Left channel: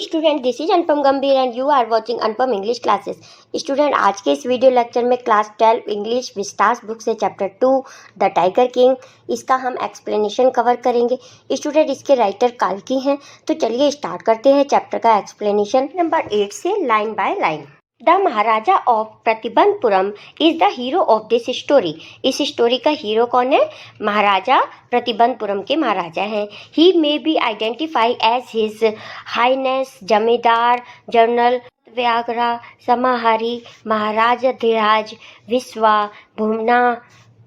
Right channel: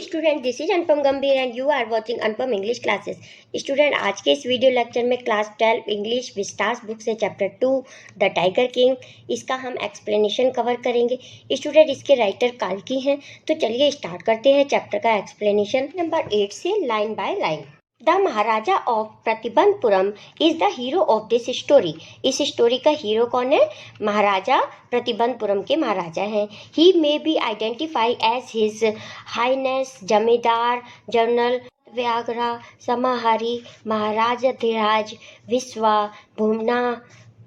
Student, this is Anupam Gambhir and you are watching Anupam English classes. Student, आज के इस video lecture में क्लास 12 इंग्लिश विस्तास बुक से chapter 2 the tiger king, इसका हम एक्सप्लेनेशन कवर करेंगे। स्टूडेंट, इसके राइटर काल्की हैं। तो चलिए स्टार्ट करते हैं चैप्टर का एक्सप्लेनेशन नंबर 8 से line by line. The maharaja of Pratibandhapuram is the hero of this story. इस स्टोरी का हीरो कौन है? महाराजा प्रतिबंधपुरम के महाराजा हैं। He may be identified as his highness zamindar general Vyaghra Samahari Maharajadhiraja Vishwa Bhumana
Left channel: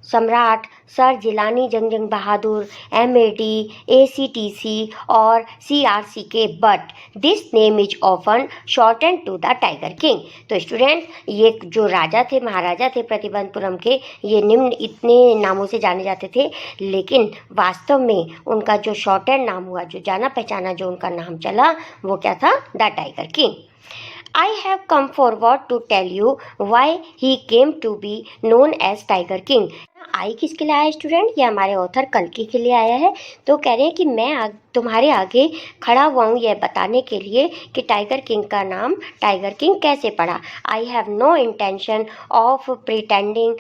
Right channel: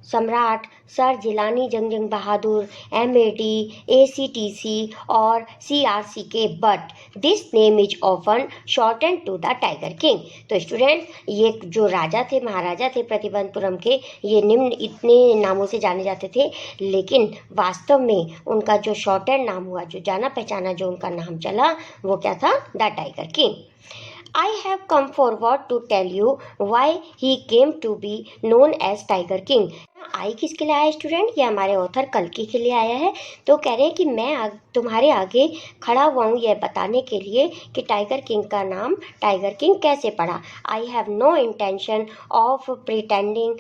Samrat sir Jilani Jung Bahadur MAD ACTC और CRC के, but this name is often shortened to the tiger king. तो स्टूडेंट, ये जो राजा थे, महाराजा थे प्रतिबंधपुरम के, ये निम्न इतने नामों से जाने जाते थे, लेकिन वास्तव में उनका जो शॉर्टेंड नाम हुआ, जो जाना पहचाना जो उनका नाम चला, वो क्या था? The tiger king. I have come forward to tell you why he came to be known as Tiger King। आई किसके लिए आया स्टूडेंट? ये हमारे ऑथर कल्कि के लिए आया है। तो कह रहे हैं कि मैं तुम्हारे आगे खड़ा हुआ हूँ यह बताने के लिए कि टाइगर किंग का नाम टाइगर किंग कैसे पड़ा। I have no intention of pretending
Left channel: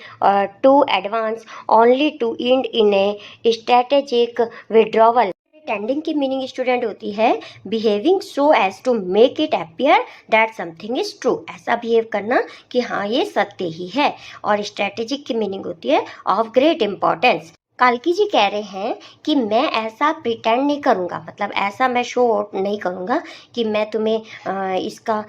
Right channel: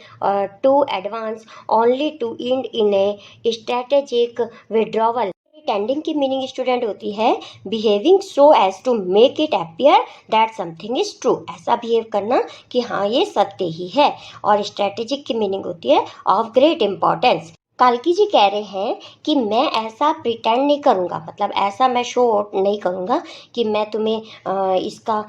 to advance only to end in a strategic withdrawal. Pretending की मीनिंग स्टूडेंट होती है behaving so as to make it appear that something is true. ऐसा behave करना कि हाँ ये सत्य ही है। और स्ट्रेटेजिक की मीनिंग होती है ऑफ ग्रेट इंपॉर्टेंस। काल्की जी कह रहे हैं कि मैं ऐसा प्रिटेंड नहीं करूँगा, मतलब ऐसा मैं शो नहीं करूँगा कि मैं तुम्हें इसका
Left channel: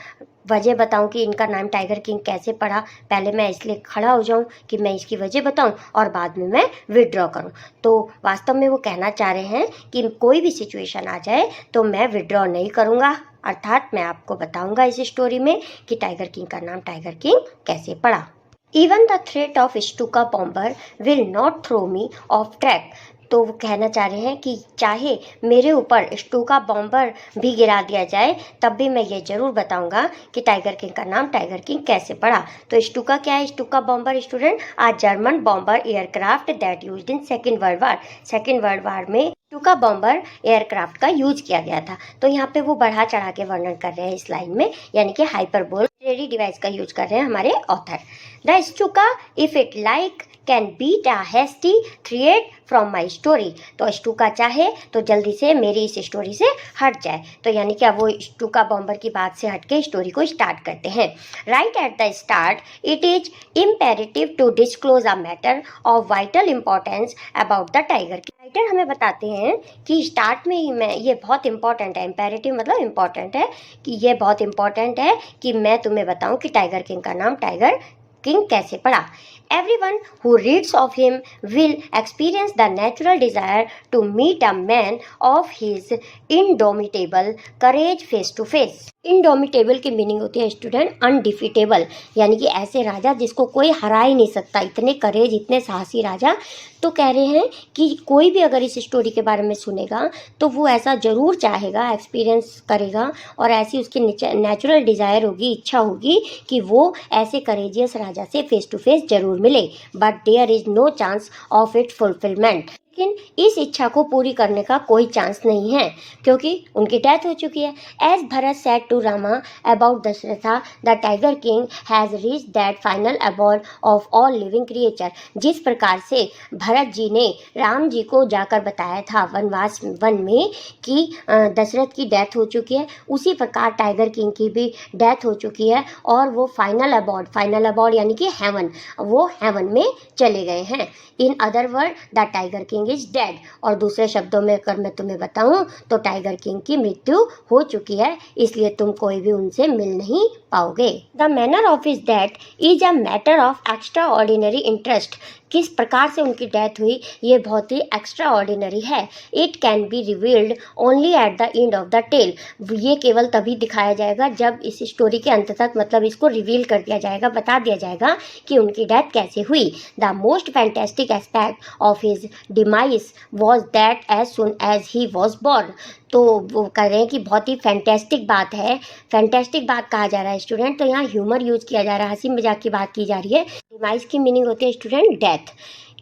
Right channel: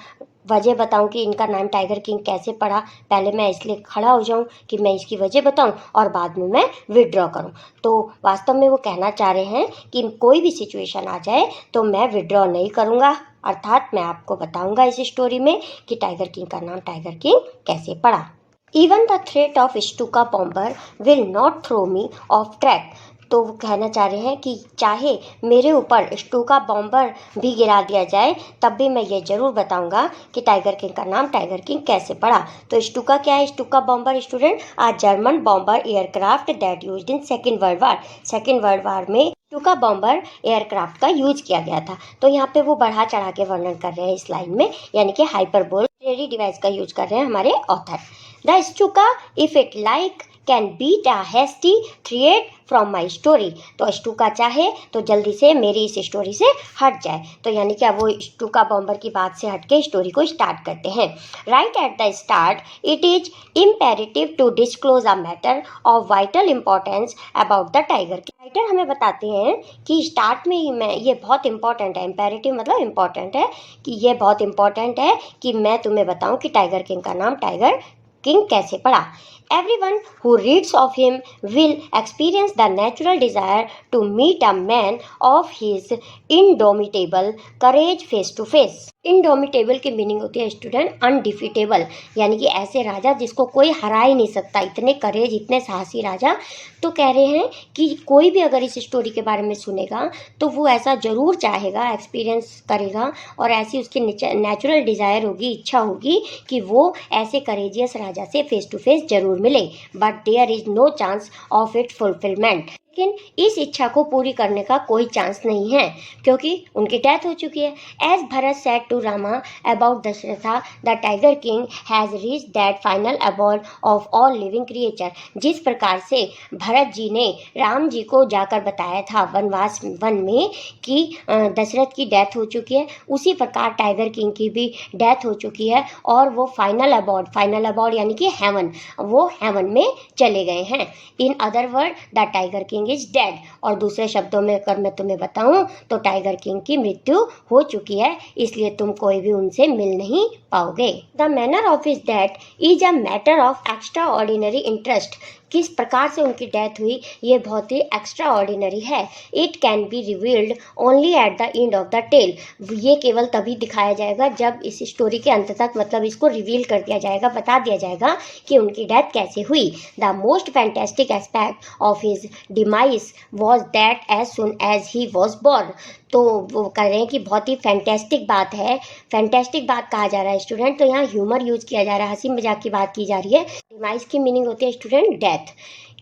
वजह बताऊं कि इनका नाम टाइगर किंग कैसे पड़ा। पहले मैं इसलिए खड़ा हो जाऊं कि मैं इसकी वजह बताऊं और बाद में मैं विड्रॉ करूं। तो वास्तव में वो कहना चाह रहे हैं कि कोई भी सिचुएशन आ जाए तो मैं विड्रॉ नहीं करूंगा, अर्थात मैं आपको बताऊंगा इस स्टोरी में कि टाइगर किंग का नाम टाइगर किंग कैसे पड़ा। Even the threat of Stuka bomber will not throw me off track. तो वो कहना चाह रहे हैं कि चाहे मेरे ऊपर स्टूका बॉम्बर भी गिरा दिया जाए तब भी मैं ये जरूर बताऊंगा कि टाइगर किंग का नाम टाइगर किंग कैसे पड़ा। तो स्टूका क्या है? Stuka bomber student a German bomber aircraft that used in second world war. सेकेंड वर्ल्ड वार में स्टूका बॉम्बर एयरक्राफ्ट का यूज किया गया था। तो यहाँ पे वो बढ़ा चढ़ा के वर्णन कर रहे हैं इस लाइन में, यानी कि हाइपरबोल डिवाइस का यूज कर रहे हैं हमारे author. The Stuka if it like can beat a hasty thread from my story. तो स्टूका चाहे तो जल्दी से मेरी इस स्टोरी से हट जाए। तो यानी कि अब वो स्टूका बॉम्बर की बात से हट के स्टोरी को स्टार्ट करते हैं। Right at the start it is imperative to disclose a matter of vital importance about the tiger. Writer हमें बताते हैं कि स्टार्ट में ही मैं ये बहुत इंपॉर्टेंट है, इम्पेरेटिव मतलब इंपॉर्टेंट है, कि ये बहुत इंपॉर्टेंट है कि मैं तुम्हें बताऊं कि टाइगर किंग का नाम टाइगर किंग कैसे पड़ा। Everyone who reads of him will experience the natural desire to meet a man of his indomitable courage face to face। Indomitable की मीनिंग होती है स्टूडेंट अनडिफिटेबल, यानी कि ऐसे राजा जिसको कोई हरा ही नहीं सकता, इतने करेज, इतने साहसी राजा। तो कह रहे हैं कि कोई भी अगर इस स्टोरी के बारे में सुनेगा तो वो ऐसा जरूर चाहेगा, एक्सपीरियंस करेगा, और ऐसी उसकी नेचुरल डिज़ायर होगी, इच्छा होगी कि वो ऐसे करेजियस राजा से फेस टू फेस जरूर मिले। But there is no chance of it fulfilment. लेकिन इस इच्छा को पूरी करने का कोई चांस नहीं है क्योंकि उनकी डेथ हो चुकी है। As Bharat said to Rama about Dasharatha the tiger king has reach that final abode of all living creature. जिस प्रकार से भरत जी ने राम जी को जाकर बताया था वनवास वन में कि दशरथ की डेथ हो चुकी है, उसी प्रकार टाइगर किंग की भी डेथ हो चुकी है और वो फाइनल अबॉर्ड यानी कि हेवन, वो हेवन में चले गए हैं। In other word the tiger king is dead. और दूसरे शब्दों में अगर मैं तुम्हें बताऊं तो टाइगर किंग की मृत्यु हो चुकी है, इसलिए तुम कोई भी उनसे मिल नहीं पाओगे। The manner of his death is a matter of extraordinary interest. किस प्रकार से उनकी डेथ हुई ये बहुत ही एक्स्ट्रा ऑर्डिनरी है। It can be revealed only at the end of the tale. ये केवल तभी दिखाया जाएगा जब इस स्टोरी के अंत तक, मतलब इसको रिवील कर दिया जाएगा, बता दिया जाएगा कि उनकी डेथ कैसे हुई। The most fantastic aspect of his demise was that as soon as he was born. तो वो कह रहे हैं कि बहुत ही फैंटेस्टिक बात है, फैंटेस्टिक बात कहा जा रहा है स्टूडेंट। तो यहाँ ह्यूमर यूज किया जा रहा है, हंसी मजाक की बात की जा रही है। डिमाइस की मीनिंग होती है स्टूडेंट डेथ।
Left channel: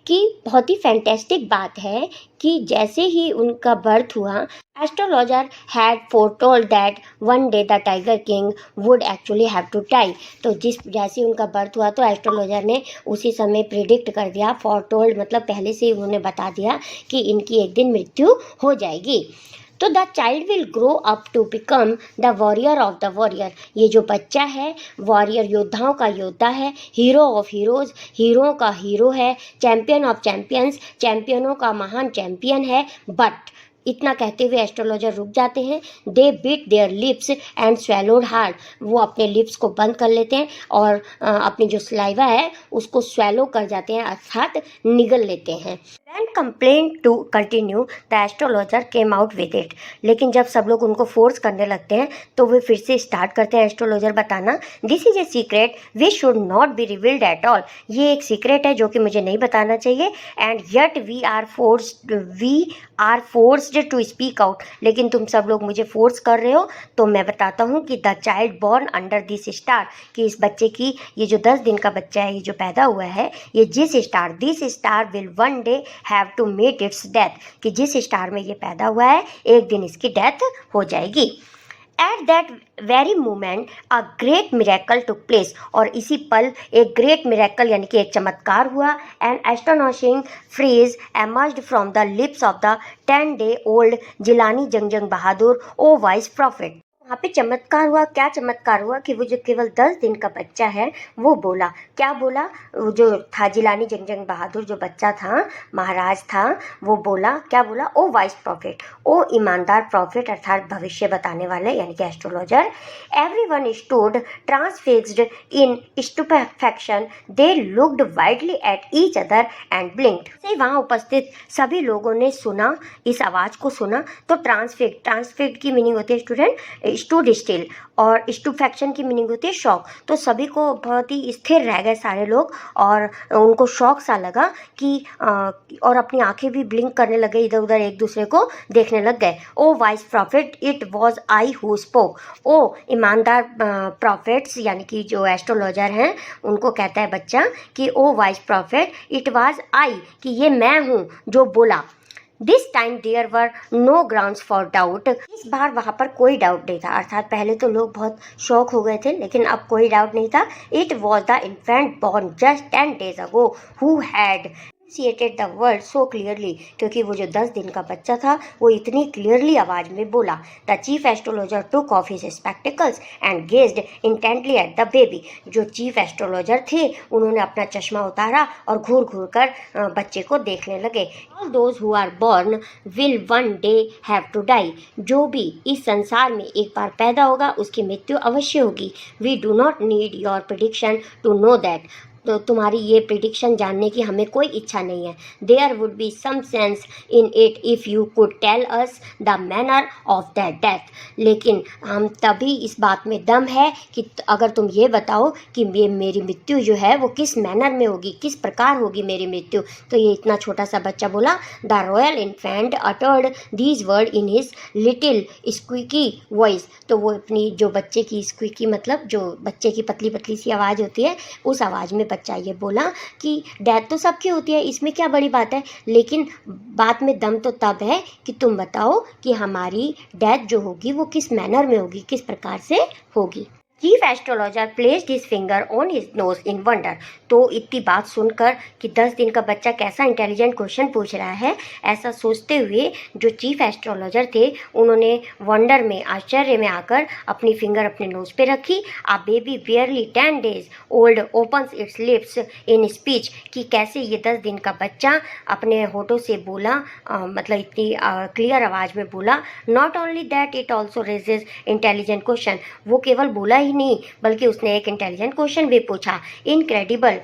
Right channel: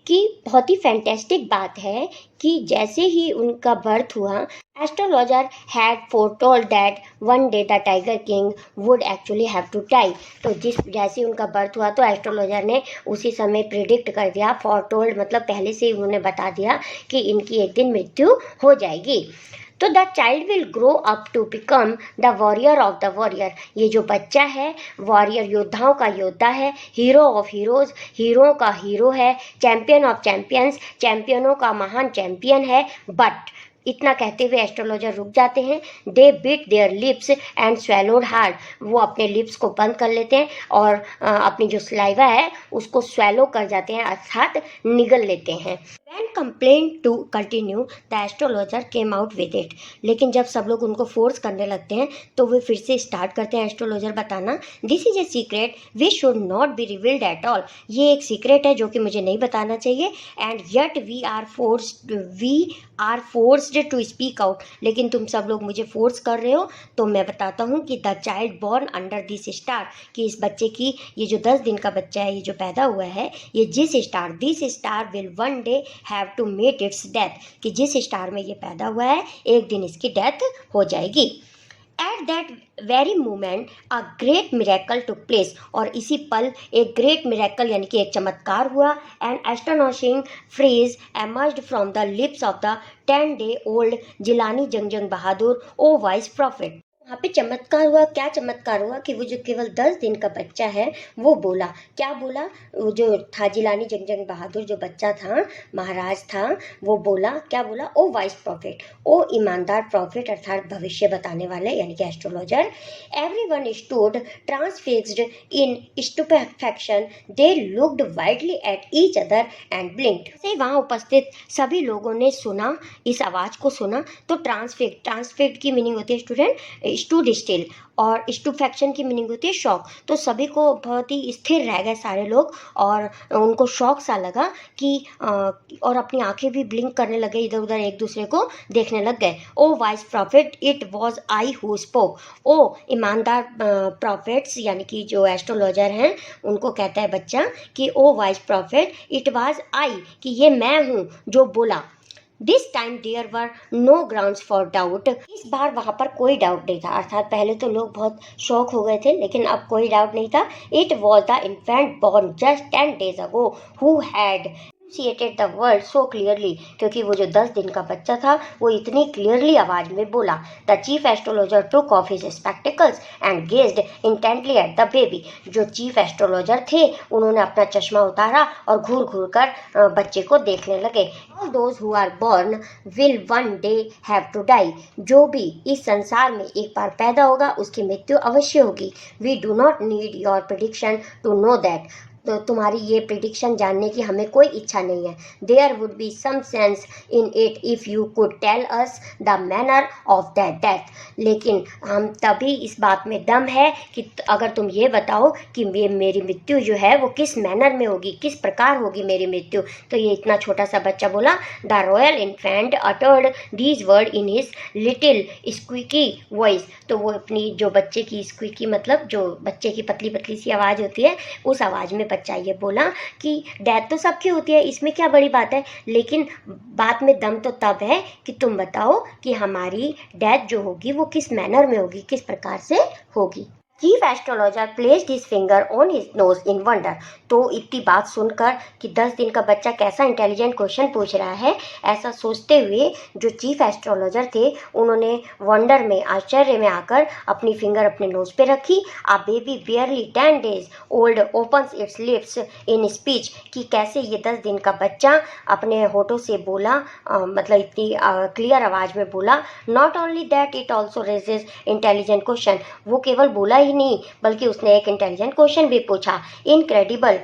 कि बहुत ही फैंटेस्टिक बात है कि जैसे ही उनका बर्थ हुआ, astrologer had foretold that one day the tiger king would actually have to die. तो जैसे ही उनका बर्थ हुआ तो एस्ट्रोलॉजर ने उसी समय प्रिडिक्ट कर दिया, फोरटोल्ड मतलब पहले से ही उन्होंने बता दिया कि इनकी एक दिन मृत्यु हो जाएगी। तो the child will grow up to become the warrior of the warrior. ये जो बच्चा है वॉरियर, योद्धाओं का योद्धा है, हीरो ऑफ हीरोज, हीरो का हीरो है, चैंपियन ऑफ चैंपियंस, चैंपियनों का महान चैंपियन है। बट इतना कहते हुए एस्ट्रोलॉजर रुक जाते हैं। They bit their lips and swallowed hard. वो अपने लिप्स को बंद कर लेते हैं और अपनी जो स्लाइवा है उसको स्वेलो कर जाते हैं, अर्थात निगल लेते हैं। When complained to continue, the astrologer came out with it। लेकिन जब सब लोग उनको फोर्स करने लगते हैं तो वे फिर से स्टार्ट करते हैं एस्ट्रोलॉजर बताना, this is a secret we should not be revealed at all. ये एक सीक्रेट है जो कि मुझे नहीं बताना चाहिए। And yet we are forced to speak out. लेकिन तुम सब लोग मुझे फोर्स कर रहे हो तो मैं बताता हूँ कि the child born under this star, कि इस बच्चे की, ये जो 10 दिन का बच्चा है, ये जो पैदा हुआ है, ये this star will one day have to meet its death, कि जिस स्टार में ये पैदा हुआ है एक दिन इसकी डेथ हो जाएगी। At that very moment a great miracle took place. और इसी पल एक ग्रेट मिरेकल यानी कि एक चमत्कार हुआ। N astonishing phrase emerged from the lips of the 10-day-old Jilani जंगजंग Bahadur, O wise profit. वहाँ पे चमत्कार हुआ। क्या चमत्कार हुआ कि वो जो केवल 10 दिन का बच्चा है वो बोला, क्या बोला, वो जो था जिलानी जंगजंग बहादुर जो बच्चा था, महाराज था, वो बोला, क्या बोला, ओ वाइस प्रॉफिट, ओ ईमानदार प्रॉफिट अर्थात भविष्य बताने वाले यानी कि astrologer. Everyone stood transfixed in stupefaction, they looked wildly at each other and blinked. से वहाँ उपस्थित सभी लोगों ने सुना, इस आवाज़ को सुना। तो ट्रांसफिक्स्ड की मीनिंग होती है स्टूडेंट स्टूड स्टिल, और स्टूफैक्शन की मीनिंग होती है शॉक। तो सभी को बहुत ही स्थिर रह गए सारे लोग और उनको शॉक सा लगा कि और अपनी आंखें भी ब्लिंक करने लगे, इधर उधर एक दूसरे को देखने लग गए। O wise prophet it was I who spoke. O ईमानदार प्रॉफिट्स यानी कि जो एस्ट्रोलॉजर हैं उनको कहता है बच्चा कि O wise prophet it was I, कि ये मैं हूँ जो बोला। This time there were no grounds for doubt. इस बार वहाँ पर कोई डाउट नहीं था, अर्थात पहले तो लोग बहुत शॉक हो गए थे लेकिन अब कोई डाउट नहीं था। It was the infant born just 10 days ago who had enunciated the world so clearly, क्योंकि वो जो 10 दिन का बच्चा था वो इतनी क्लियरली आवाज में बोला। The chief astrologer took off his spectacles and gazed intently at the baby। जो चीफ एस्ट्रोलॉजर थे उन्होंने अपना चश्मा उतारा और घूर घूर कर बच्चे को देखने लगे। All those who are born will one day have to die। जो भी इस संसार में एक बार पैदा होगा उसकी मृत्यु अवश्य होगी। We do not need your prediction to know that। तो तुम्हारी ये प्रिडिक्शन जानने की हमें कोई इच्छा नहीं है। There would be some sense in it if you could tell us the manner of that death. लेकिन हम तभी इस बात में दम है कि अगर तुम ये बताओ कि ये मेरी मृत्यु जो है वो किस मैनर में होगी, किस प्रकार होगी मेरी मृत्यु। तो ये इतना छोटा सा बच्चा बोला। The royal infant uttered these word in his little squeaky voice. तो वो अपनी जो बच्चे की स्क्वीकी मतलब जो बच्चे की पतली पतली सी आवाज़ होती है उस आवाज़ में बच्चा ये बोला कि डेथ तो सबकी होती है, इसमें क्या बड़ी बात है, लेकिन बात में दम तो तब है कि तुम बताओ कि हमारी डेथ जो होगी वो किस मैनर में होगी, किस प्रकार से होगी। Chief astrologer placed his finger on his nose in wonder. तो इतनी बात सुनकर कि 10 दिन का बच्चा कैसा इंटेलिजेंट क्वेश्चन पूछ रहा है, ऐसा सोचते हुए जो चीफ एस्ट्रोलॉजर थे उन्होंने वंडर में, आश्चर्य में आकर अपनी फिंगर अपने नोज पे रखी। A baby barely 10 days old opens its lips in speech, कि कैसे ये 10 दिन का बच्चा अपने होठों से बोला, मतलब इतनी क्लियर आवाज़ में बोला। Not only that it also raises intelligent question. वो केवल बोला ही नहीं बल्कि उसने एक इंटेलिजेंट क्वेश्चन भी पूछा। इनक्रेडिबल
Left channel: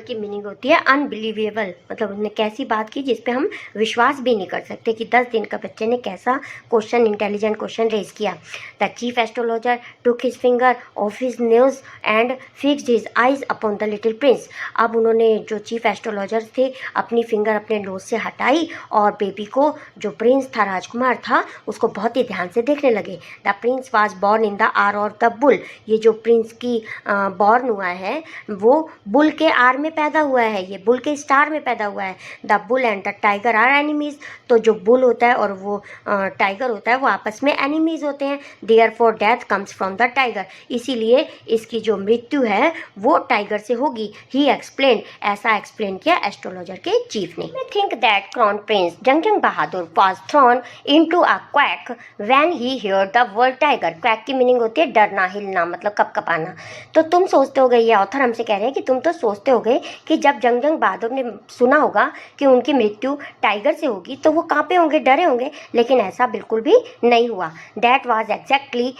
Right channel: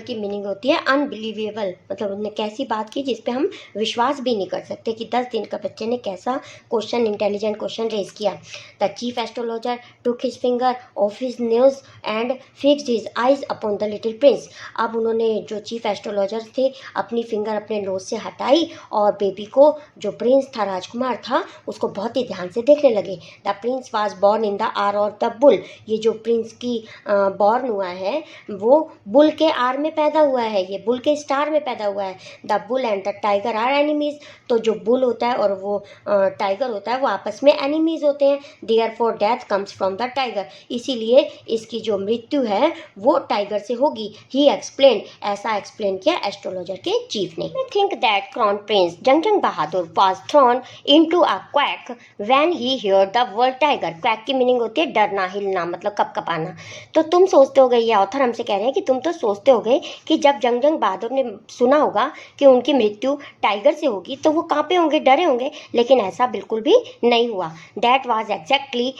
की मीनिंग होती है अनबिलीवेबल, मतलब उसने कैसी बात की जिस पे हम विश्वास भी नहीं कर सकते कि 10 दिन का बच्चे ने कैसा क्वेश्चन, इंटेलिजेंट क्वेश्चन रेज किया। The chief astrologer took his finger of his nose and fixed his eyes upon the little Prince. अब उन्होंने जो चीफ एस्ट्रोलॉजर थे अपनी फिंगर अपने नोज से हटाई और बेबी को, जो प्रिंस था, राजकुमार था, उसको बहुत ही ध्यान से देखने लगे। The prince was born in the hour of the bull. ये जो प्रिंस की बॉर्न हुआ है वो बुल के आर में पैदा हुआ है, ये बुल के स्टार में पैदा हुआ है। The bull and the tiger are enemies, तो जो बुल होता है और वो टाइगर होता है वो आपस में एनिमीज होते हैं। Therefore death comes from the tiger, इसीलिए इसकी जो मृत्यु है वो टाइगर से होगी। ही एक्सप्लेन, ऐसा एक्सप्लेन किया एस्ट्रोलॉजर के चीफ ने। I think that crown Prince जंगजंग Bahadur was thrown into a quack when he heard the word tiger. Quack की मीनिंग होती है डरना, हिलना, मतलब कपकपाना। तो तुम सोचते होगे, ये ऑथर हमसे कह रहे हैं कि तुम तो सोचते होगे कि जब जंगजंग बहादुर ने सुना होगा कि उनकी मृत्यु टाइगर से होगी तो वो कांपे होंगे, डरे होंगे, लेकिन ऐसा बिल्कुल भी नहीं हुआ। That was exactly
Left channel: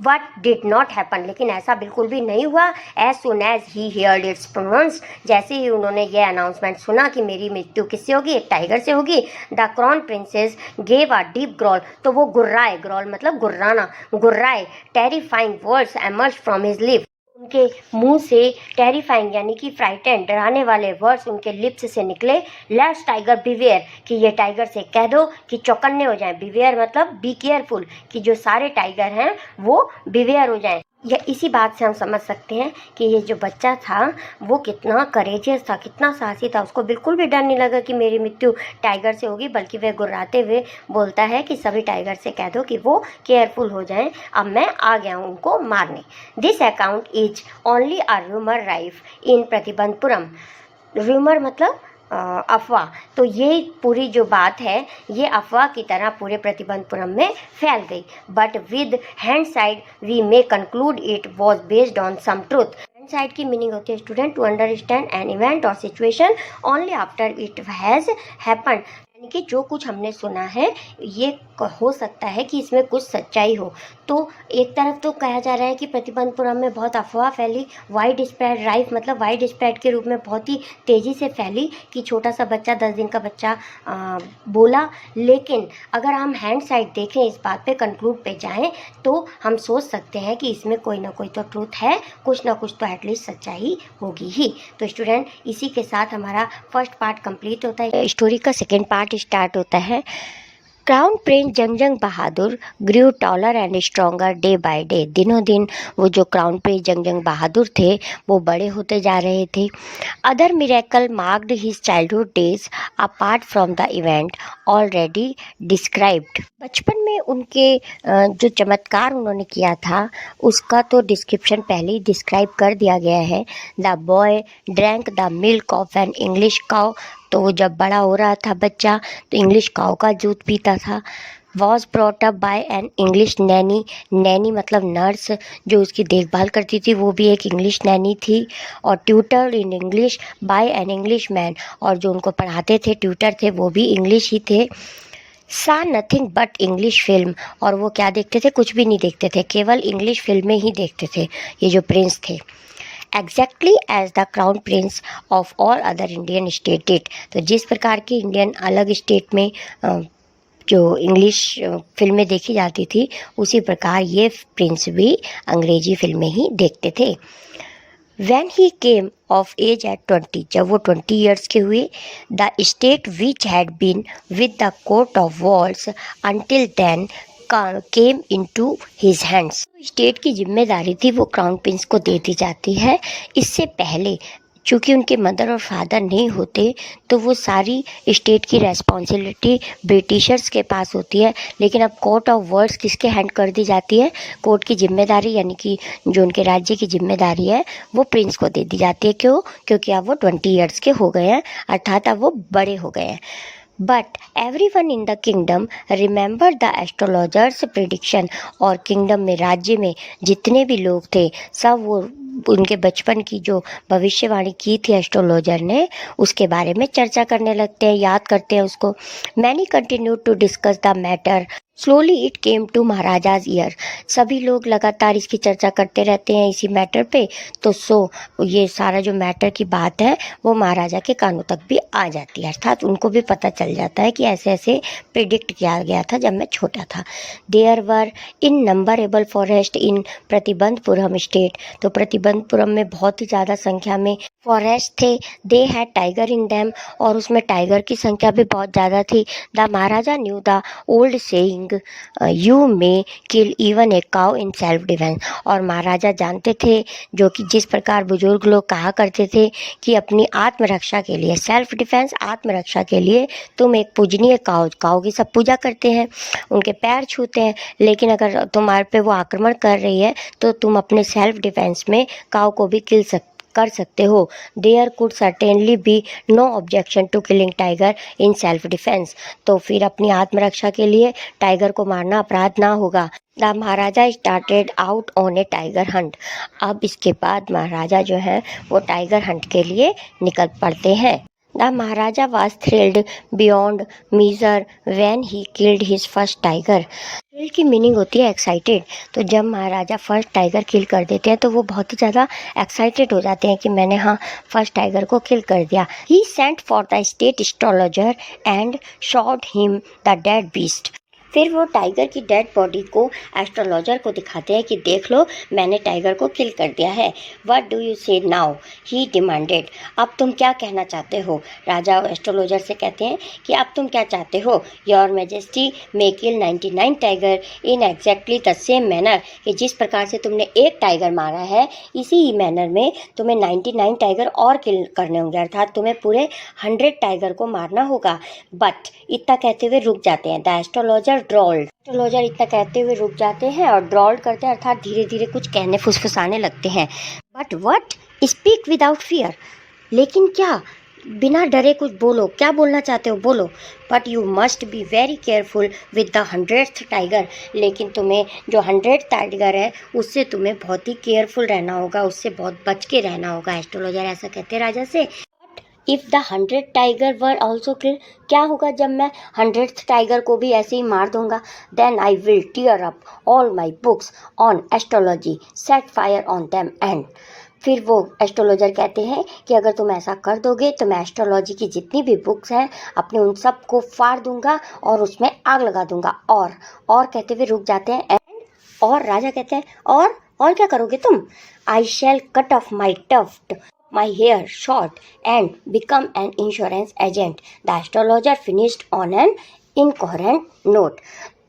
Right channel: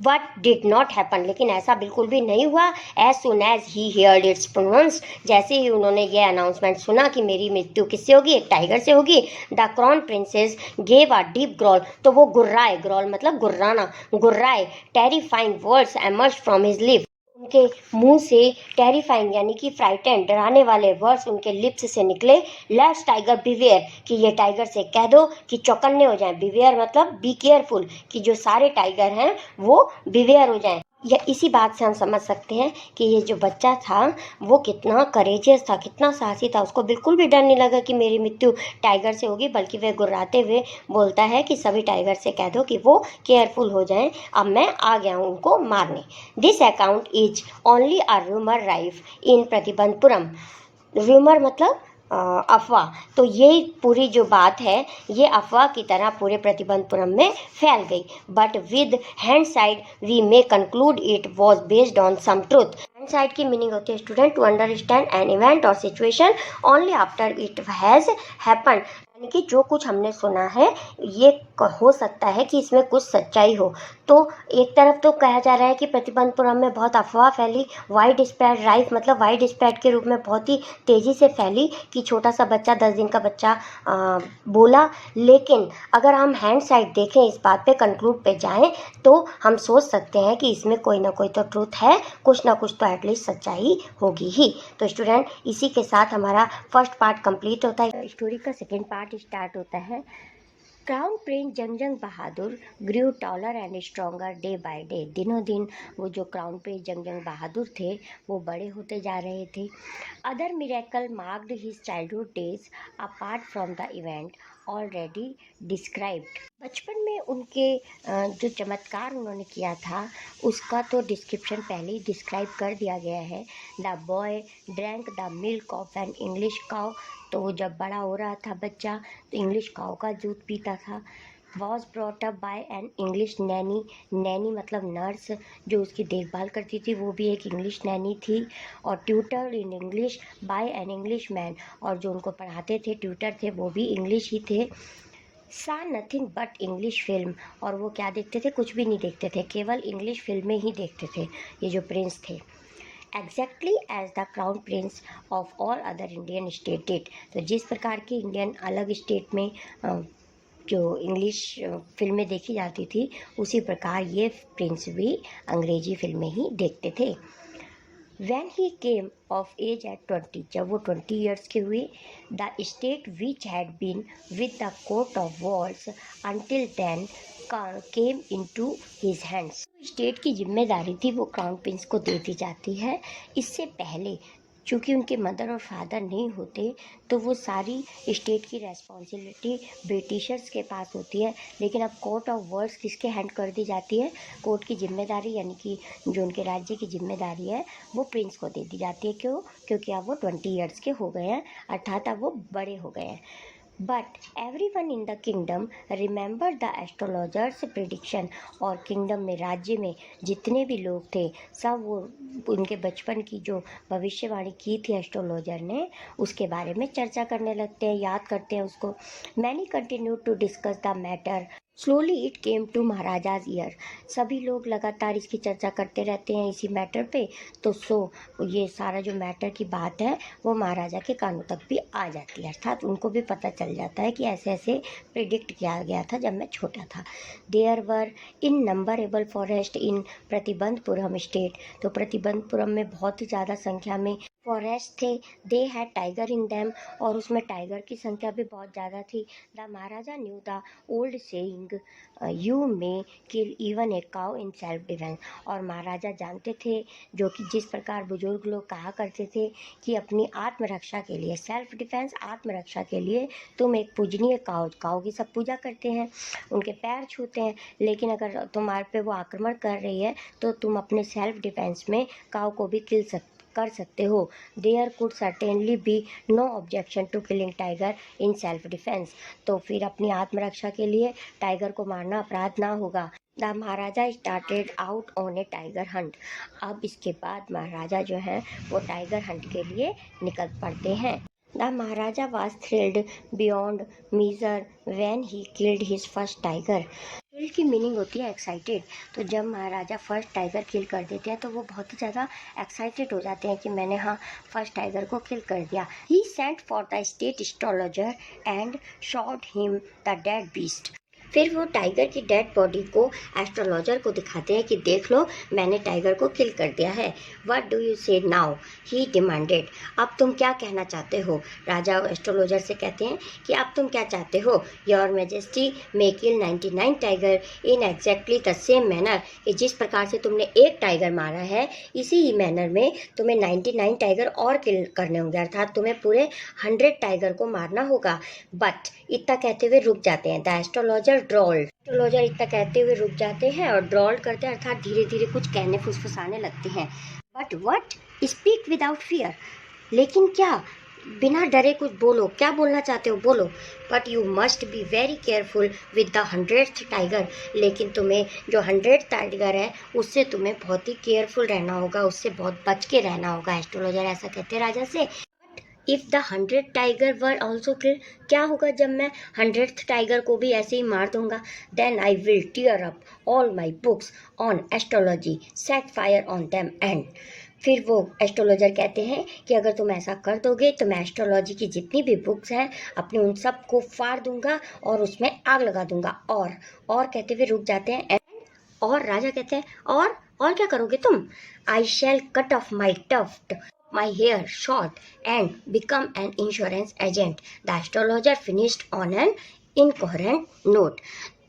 what did not happen, लेकिन ऐसा बिल्कुल भी नहीं हुआ। As soon as he heard its pronounce, जैसे ही उन्होंने ये अनाउंसमेंट सुना कि मेरी मृत्यु किससे होगी, एक टाइगर से होगी, the crown princess gave a deep growl, तो वो गुर्राए, ग्रॉल मतलब गुर्राना, गुर्राए। Terrifying words emerge from his lip, उनके मुंह से टेरिफाइंग यानी कि फ्राइटेंड, डराने वाले वर्ड्स उनके लिप्स से निकले। लेट्स टाइगर बिवेयर, कि ये टाइगर से कह दो कि चौकन्ने हो जाएं। बिवेयर मतलब बी केयरफुल, कि जो सारे टाइगर हैं वो बिवेयर हो जाएं। या इसी बात से हम समझ सकते हैं कि ये जो बच्चा था वो कितना करेजियस था, कितना साहसी था। उसको बिल्कुल भी डर नहीं लगा कि मेरी मृत्यु टाइगर से होगी, बल्कि वह गुर्राते हुए बोलता है कि सभी टाइगर से कह दो कि वो केयरफुल हो जाएं, अब मैं आ गया हूँ उनको मारने। This account is only a rumour rife in Pratibandapuram. Rumour मतलब अफवाह, तो ये पूरी जो बात है ये अफवाह की तरह पूरे प्रतिबंधपुरम में फैल गई। But with hindsight we may conclude it was based on some truth. Hindsight की मीनिंग होती है student to understand an event और situation only after it has happen, यानी कि जो कुछ हमने सुना है ये हो सकता है कि इसमें कुछ सच्चाई हो। तो एक तरफ तो कहा जा रहा है कि प्रतिबंधपुरम में बहुत अफवाह फैली, वाइड स्प्रेड, राइफ मतलब वाइड स्प्रेड के रूप में बहुत ही तेज़ी से फैली कि छोटा सा बच्चा, 10 दिन का बच्चा बोला। लेकिन अगर हम हैंड साइड देखें, इस बात पे कंक्लूड पे जाएं, तो हम सोच सकते हैं कि इसमें कोई ना कोई तो ट्रूथ है, कुछ ना कुछ तो एटलीस्ट सच्चाई होगी ही। तो स्टूडेंट इसी के साथ हमारा फर्स्ट पार्ट कंप्लीट होता है। स्टोरी का सेकेंड पार्ट स्टार्ट होता है। Crown Prince जंगजंग Bahadur Guru taller and stronger day by day. दिनों दिन वो जो क्राउन प्रिंस जंगजंग बहादुर थे वो बड़े होते जा रहे थे। Other miracle marked his childhood days apart from the event already described. बचपन में उनके जो चमत्कार उन्होंने किया था उसका तो डिस्क्रिप्शन पहले ही डिस्क्राइब कर दिया गया है। The boy drank the milk of an English cow, तो वो जब बड़ा हो रहा था बच्चा तो इंग्लिश काऊ का दूध पीता था। Was brought up by an English Naini, Naini मतलब नर्स, जो उसकी देखभाल करती थी वो भी एक इंग्लिश नैनी थी। और tutor in English by an English man, और जो उनको पढ़ाते थे ट्यूटर थे वो भी इंग्लिश ही थे। सा नथिंग बट इंग्लिश फिल्म, और वो क्या देखते थे, कुछ भी नहीं देखते थे, केवल इंग्लिश फिल्में ही देखते थे ये जो प्रिंस थे। Exactly as the crown prince of all other Indian state did, तो जिस प्रकार की इंडियन अलग स्टेट में जो इंग्लिश फिल्में देखी जाती थी उसी प्रकार ये प्रिंस भी अंग्रेजी फिल्में ही देखते थे। When he came of age at 20, जब वो 20 ईयर्स के हुए, the state which had been with the coat of walls until then came into his hands. State की जिम्मेदारी थी वो क्राउन प्रिंस को दे दी जाती है। इससे पहले चूँकि उनके मदर और फादर नहीं होते तो वो सारी स्टेट की रेस्पॉन्सिबिलिटी ब्रिटिशर्स के पास होती है, लेकिन अब कोर्ट ऑफ वर्ड्स किसके हैंड कर दी जाती है, कोर्ट की जिम्मेदारी यानी कि जो उनके राज्य की जिम्मेदारी है वो प्रिंस को दे दी जाती है। क्यों? क्योंकि अब वो 20 ईयर्स के हो गए हैं, अर्थात अब वो बड़े हो गए हैं। But every one in the kingdom remember the astrologers prediction, और किंगडम में, राज्य में जितने भी लोग थे सब वो उनके बचपन की जो भविष्यवाणी की थी एस्ट्रोलॉजर ने उसके बारे में चर्चा करने लगते हैं, याद करते हैं उसको। Many continue to discuss the matter, slowly it came to maharaja's ear, सभी लोग लगातार इसकी चर्चा करते रहते हैं इसी मैटर पे, तो ये सारा जो मैटर की बात है वो महाराजा के कानों तक भी आ जाती है, अर्थात उनको भी पता चल जाता है कि ऐसे ऐसे प्रिडिक्ट किया गया था जब मैं छोटा था। There were innumerable forest in Pratibandhapuram state, तो प्रतिबंधपुरम में बहुत ही ज़्यादा संख्या में फॉरेस्ट थे। They had tiger in them, और उसमें टाइगर की संख्या भी बहुत ज़्यादा थी। The Maharaja new the old saying king you may kill even a cow in self defence. और महाराजा जानते थे, जो कि जिस प्रकार बुजुर्ग लोग कहा करते थे कि अपनी आत्मरक्षा के लिए, सेल्फ डिफेंस आत्मरक्षा के लिए तुम एक पूजनीय काउ की सब पूजा करते हैं, उनके पैर छूते हैं, लेकिन अगर तुम्हारे पे वो आक्रमण कर रही है तो तुम अपने सेल्फ डिफेंस में काउ को भी कर सकते हो। There could certainly be no objection to killing tiger in self defence. तो फिर अपनी आत्मरक्षा के लिए टाइगर को मारना अपराध ना होगा। The Maharaja started out on A tiger Hunt. अब इसके बाद महाराजा जो है वो टाइगर हंट के लिए निकल पड़ते हैं। The Maharaja was thrilled beyond measure when he killed his first tiger. Thrill की मीनिंग होती है एक्साइटेड। तो जब महाराजा फर्स्ट टाइगर किल कर देते हैं तो वो बहुत ही ज़्यादा एक्साइटेड हो जाते हैं कि मैंने फर्स्ट टाइगर को किल कर दिया। He sent for the state astrologer and showed him the dead beast. फिर वो टाइगर की डेड बॉडी को एस्ट्रोलॉजर को दिखाते हैं कि देख लो, मैंने टाइगर को किल कर दिया है। व्हाट डू यू से नाउ, ही डिमांडेड। अब तुम क्या कहना चाहते हो? राजा एस्ट्रोलॉजर से कहते हैं कि अब तुम क्या चाहते हो? Your majesty may kill 99 tiger in exactly the same manner. कि जिस प्रकार से तुमने एक टाइगर मारा है, इसी ही मैनर में तुम्हें 99 टाइगर और किल करने होंगे, अर्थात तुम्हें पूरे 100 टाइगर को मारना होगा। बट इतना कहते हुए रुक जाते हैं। The astrologer ड्रॉल्ड। एस्ट्रोलॉजर इतना कहते हुए रुक जाते हैं और ड्रॉल्ड करते हैं, अर्थात धीरे धीरे कुछ कहने फुसफुसाने लगते हैं। But what, speak without fear. लेकिन क्या, बिना डरे कुछ बोलो, क्या बोलना चाहते हो बोलो। But you must be very careful with the 100th tiger. लेकिन तुम्हें जो 100th टाइगर है उससे तुम्हें बहुत ही केयरफुल रहना होगा, उससे बहुत बच के रहना होगा। एस्ट्रोलॉजर ऐसा कहते हैं राजा से। If the 100 tiger were also किल। क्या होगा जब मैं 100th टाइगर को भी ऐसे ही मार दूंगा? Then I will tear up all my books on astrology, set fire on them and. फिर वो एस्ट्रोलॉजर कहते हैं कि अगर तुम ऐसा कर दोगे तो मैं एस्ट्रोलॉजी की जितनी भी बुक्स हैं अपने उन सब को फाड़ दूंगा और उसमें आग लगा दूंगा। और कहते हुए रुक जाते हैं। और राजा कहते हैं और क्या करोगे तुम? I shall cut off my tuft my hair short and become an insurance agent. The astrologer finished on an incoherent note.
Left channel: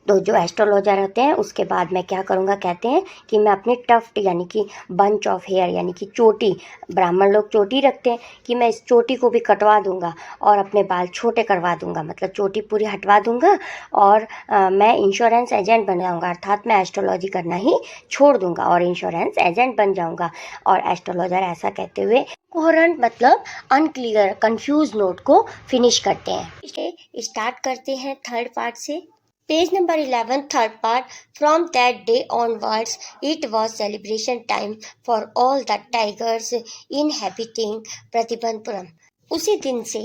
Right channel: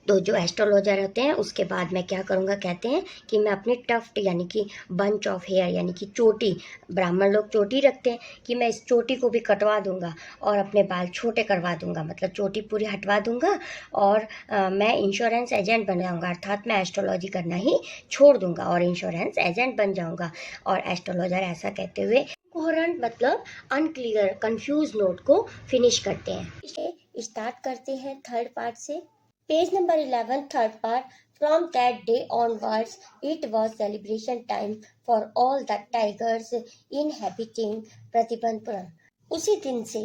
तो जो एस्ट्रोलॉजर होते हैं उसके बाद मैं क्या करूँगा, कहते हैं कि मैं अपने टफ्ट यानी कि बंच ऑफ हेयर यानी कि चोटी, ब्राह्मण लोग चोटी रखते हैं, कि मैं इस चोटी को भी कटवा दूंगा और अपने बाल छोटे करवा दूंगा, मतलब चोटी पूरी हटवा दूंगा और मैं इंश्योरेंस एजेंट बन जाऊँगा, अर्थात मैं एस्ट्रोलॉजी करना ही छोड़ दूंगा और इंश्योरेंस एजेंट बन जाऊँगा। और एस्ट्रोलॉजर ऐसा कहते हुए कोहरेंट मतलब अनक्लियर, कंफ्यूज नोट को फिनिश करते हैं। स्टार्ट करते हैं थर्ड पार्ट से। Page number 11, third part. From that day onwards it was celebration time for all the tigers inhabiting Pratibandapuram. उसी दिन से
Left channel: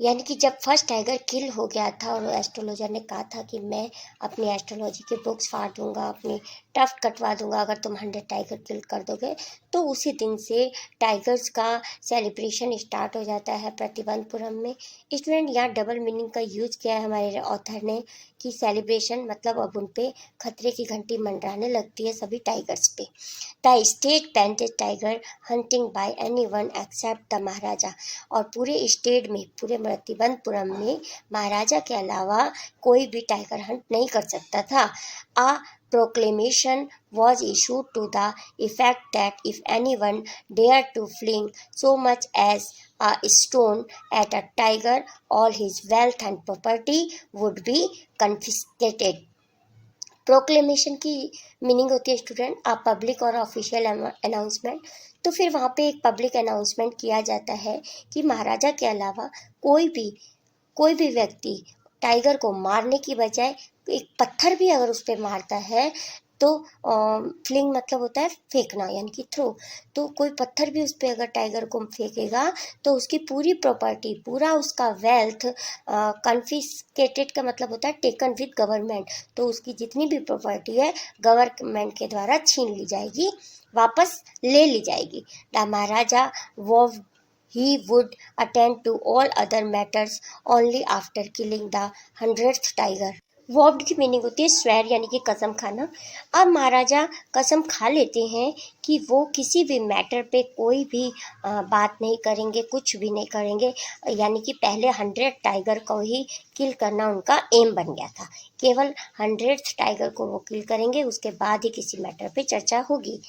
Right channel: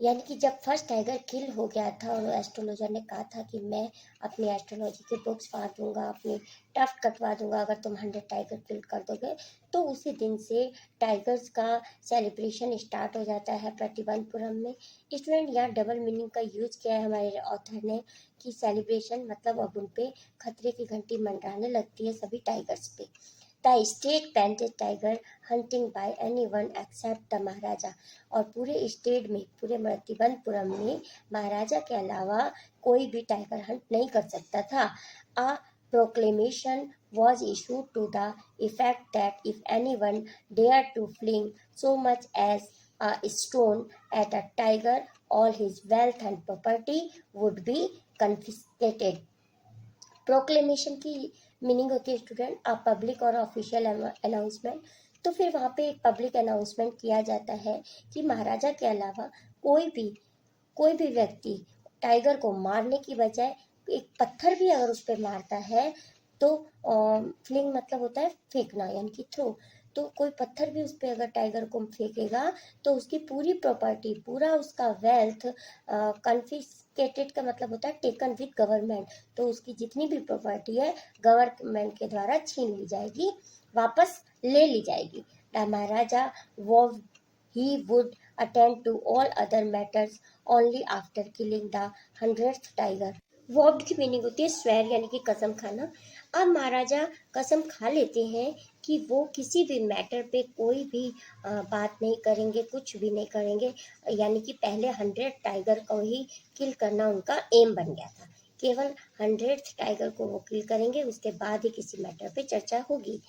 यानी कि जब फर्स्ट टाइगर किल हो गया था और एस्ट्रोलॉजर ने कहा था कि मैं अपनी एस्ट्रोलॉजी की बुक्स फाड़ दूंगा, अपनी टफ्ट कटवा दूंगा अगर तुम 100 टाइगर किल कर दोगे, तो उसी दिन से टाइगर्स का सेलिब्रेशन स्टार्ट हो जाता है प्रतिबंधपुरम में। स्टूडेंट, यहाँ डबल मीनिंग का यूज किया है हमारे ऑथर ने कि सेलिब्रेशन मतलब अब उन पे खतरे की घंटी मंडराने लगती है सभी टाइगर्स पे। The state banned tiger hunting by anyone except the maharaja. और पूरे स्टेट में, पूरे प्रतिबंधपुरम में महाराजा के अलावा कोई भी टाइगर हंट नहीं कर सकता था। आ proclamation was issued to the effect that if anyone dared to fling so much as a stone at a tiger, all his wealth and property would be confiscated. Proclamation की meaning होती है student आ public और official announcement. तो फिर वहाँ पे एक public announcement किया जाता है कि महाराजा के अलावा कोई भी व्यक्ति टाइगर को मारने की बजाय एक पत्थर भी अगर उस पर मारता है तो फ्लिंग मतलब होता है फेंकना यानी कि थ्रो। तो कोई पत्थर भी उस पर अगर टाइगर को फेंकेगा तो उसकी पूरी प्रॉपर्टी, पूरा उसका वेल्थ, कन्फिस्केटेड का मतलब होता है टेकन विद गवर्नमेंट। तो उसकी जितनी भी प्रॉपर्टी है गवर्नमेंट के द्वारा छीन ली जाएगी, वापस ले ली जाएगी। द महाराजा वो he would attend to all other matters only after killing the 100th tiger. वॉव्ड की मीनिंग होती है स्वेर यानी कि कसम खाना। अब महाराजा कसम खा लेते हैं कि वो किसी भी मैटर पे कोई भी बात नहीं करेंगे, कुछ भी नहीं करेंगे, यानी कि पहले 100 टाइगर को ही किल करना उनका एम बन गया था। केवल 100th टाइगर को वो किल करेंगे, उसके बाद ही किसी मैटर पे चर्चा होगी।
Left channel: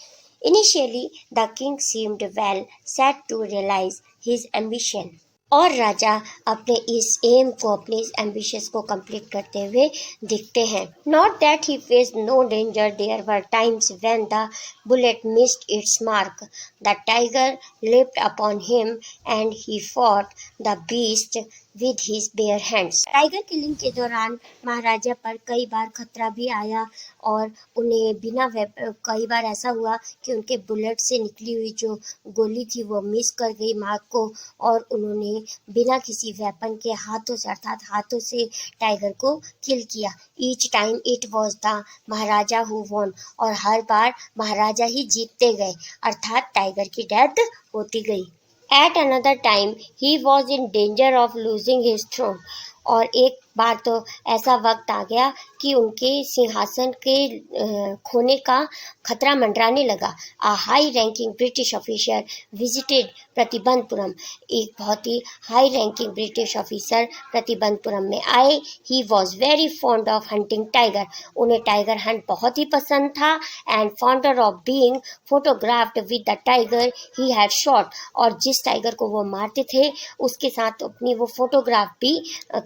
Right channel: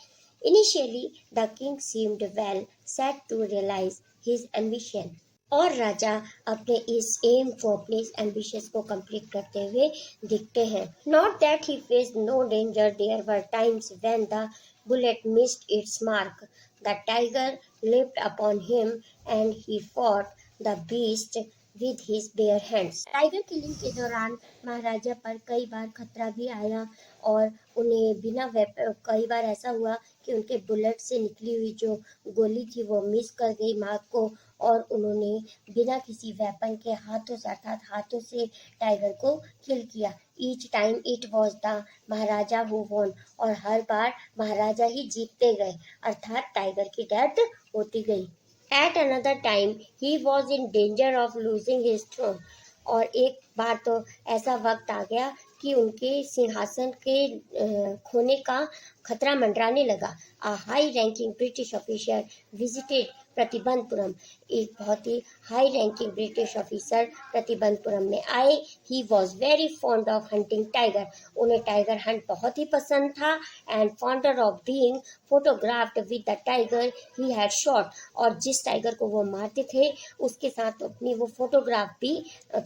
Initially the king seemed well set to realise his ambition. और राजा अपने इस एम को, अपने इस एम्बिशंस को कंप्लीट करते हुए दिखते हैं। Not that he faced no danger, there were times when the bullet missed its mark, the tiger leaped upon him and he fought the beast with his bare hands। Tiger killing के दौरान महाराजा पर कई बार खतरा भी आया और उन्हें बिना कई बार ऐसा हुआ कि उनके बुलेट से निकली हुई जो गोली थी वो मिस कर गई मार्क को, और उन्होंने बिना किसी वेपन के हाथों से, अर्थात हाथों से टाइगर को किल किया। Each time it was the Maharaja who won, और हर बार महाराजा ही जीतते गए, अर्थात टाइगर की डेथ होती गई। At another time he was in danger of losing his throne, और एक बार तो ऐसा वक्त आ गया कि उनके सिंहासन के खोने का खतरा मंडराने लगा। A high ranking British officer visited Pratibandhapuram, एक बहुत ही high ranking British officer Pratibandhapuram में आए। He was very fond of hunting tiger, उन्हें टाइगर हंट बहुत ही पसंद था। And fonder of being photographed with the tiger he had shot, और जिस टाइगर को वो मारते थे उसके साथ अपनी वो फोटोग्राफ भी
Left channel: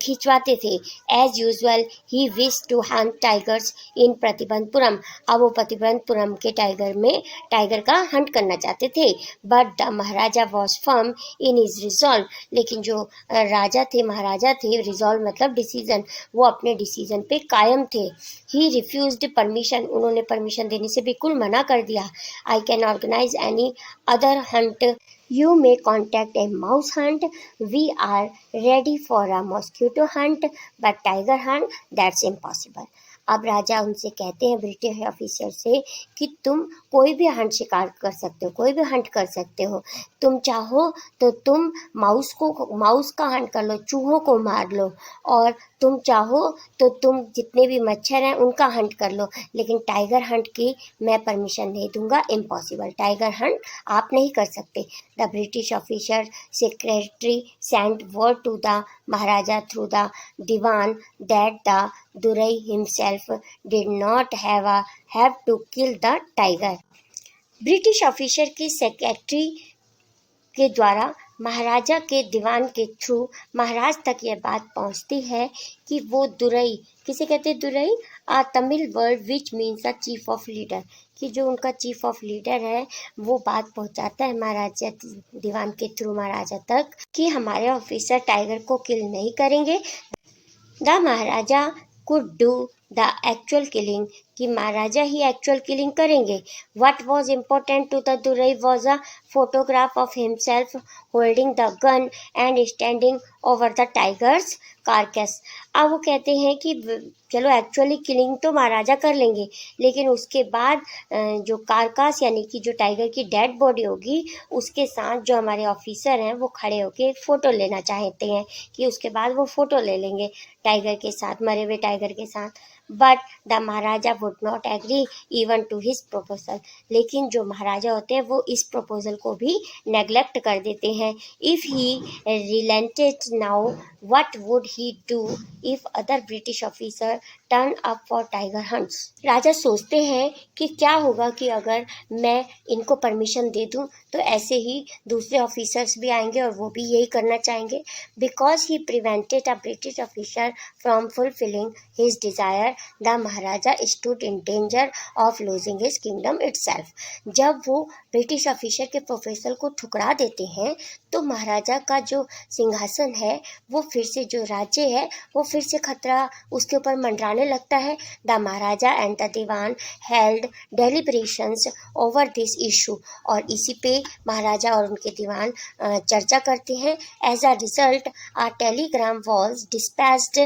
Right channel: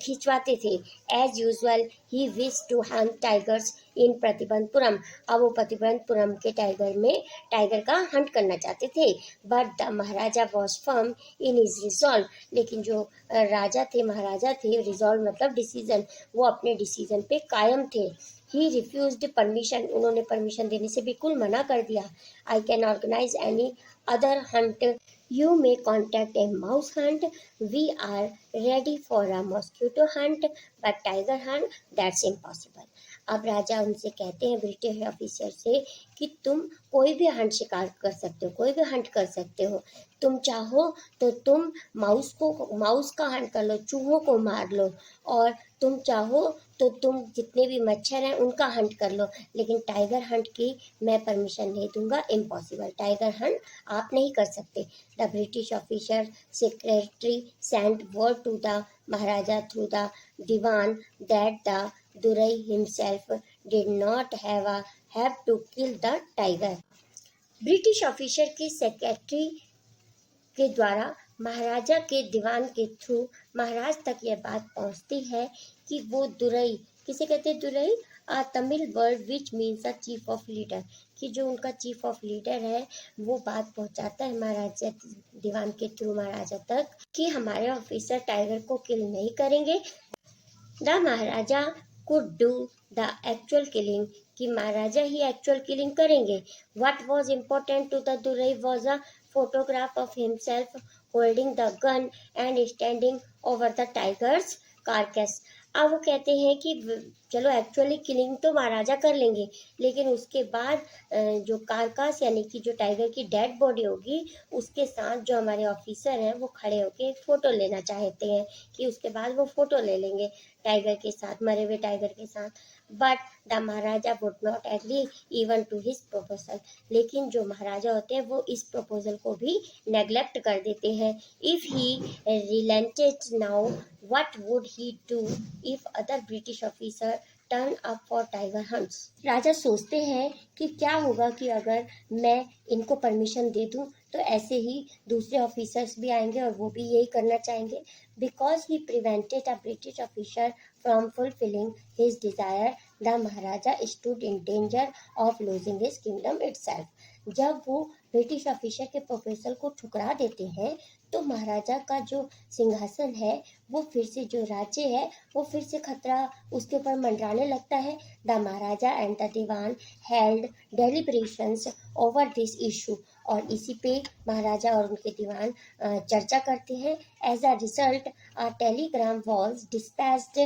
खिंचवाते थे। As usual he wish to hunt tigers in Pratibandhapuram, अब वो प्रतिबंधपुरम के टाइगर का हंट करना चाहते थे। But the Maharaja was firm in his resolve, लेकिन जो राजा थे, महाराजा थे, रिजॉल्व मतलब डिसीजन, वो अपने डिसीजन पे कायम थे। ही रिफ्यूज्ड परमिशन, उन्होंने परमिशन देने से बिल्कुल मना कर दिया। I can organise any other hunt, you may contact a mouse hunt, we are ready for a mosquito hunt, but tiger hunt that's impossible। अब राजा उनसे कहते हैं, ब्रिटिश ऑफिसर से, कि तुम कोई भी हंट शिकार कर सकते हो, कोई भी हंट कर सकते हो, तुम चाहो तो तुम माउस का हंट कर लो, चूहों को मार लो, और तुम चाहो तो तुम जितने भी मच्छर हैं उनका हंट कर लो, लेकिन टाइगर हंट की मैं परमिशन नहीं दूंगा, इम्पॉसिबल, टाइगर हंट आप नहीं कर सकते। The British officer secretary sent word to the Maharaja through the dewan that the Durai himself did not have to kill the tiger. British officer की सेक्रेटरी के द्वारा महाराजा के दीवान के थ्रू महाराज तक यह बात पहुंचती है कि वो दुरई, किसे कहते हैं durai, a Tamil word which means a chief of leader, कि जो उनका चीफ ऑफ लीडर है वो बात पहुंचाता है महाराजा दीवान के थ्रू महाराजा तक कि हमारे ऑफिसर टाइगर को किल नहीं करेंगे। The maharaja could do the actual killing, कि महाराजा ही एक्चुअल किलिंग करेंगे। What was important to the durai was a photograph of himself holding the gun and standing over the tiger's carcass. अब वो कहते हैं कि चलो एक्चुअली किलिंग तो महाराजा कर लेंगे, लेकिन उसके बाद जो कारकास यानी कि जो टाइगर की डेड बॉडी होगी उसके साथ जो हमारे ऑफिसर हैं वो खड़े होके फ़ोटो लेना चाहते हैं, कि उसके बाद वो फ़ोटो ले लेंगे टाइगर के साथ, मरे हुए टाइगर के साथ। But the Maharaja would not agree even to his proposal, लेकिन जो महाराजा होते हैं वो इस प्रपोजल को भी नेग्लेक्ट कर देते हैं। If he relented now what would he do if other British officer turn up for tiger hunts। राजा सोचते हैं कि क्या होगा कि अगर मैं इनको परमिशन दे दूं तो ऐसे ही दूसरे ऑफिसर्स भी आएंगे और वो भी यही करना चाहेंगे। Because he prevented a British officer from fulfilling his desire, the Maharaja stood in danger of losing his kingdom itself. जब वो ब्रिटिश ऑफिसर के प्रोफेसर को ठुकरा देते हैं तो महाराजा का जो सिंहासन है, वो फिर से, जो राज्य है वो फिर से खतरा उसके ऊपर मंडराने लगता है। The Maharaja and the dewan held deliberations over this issue, और इसी पे महाराजा और उनके दीवान चर्चा करते हैं। As a result a telegram was dispatched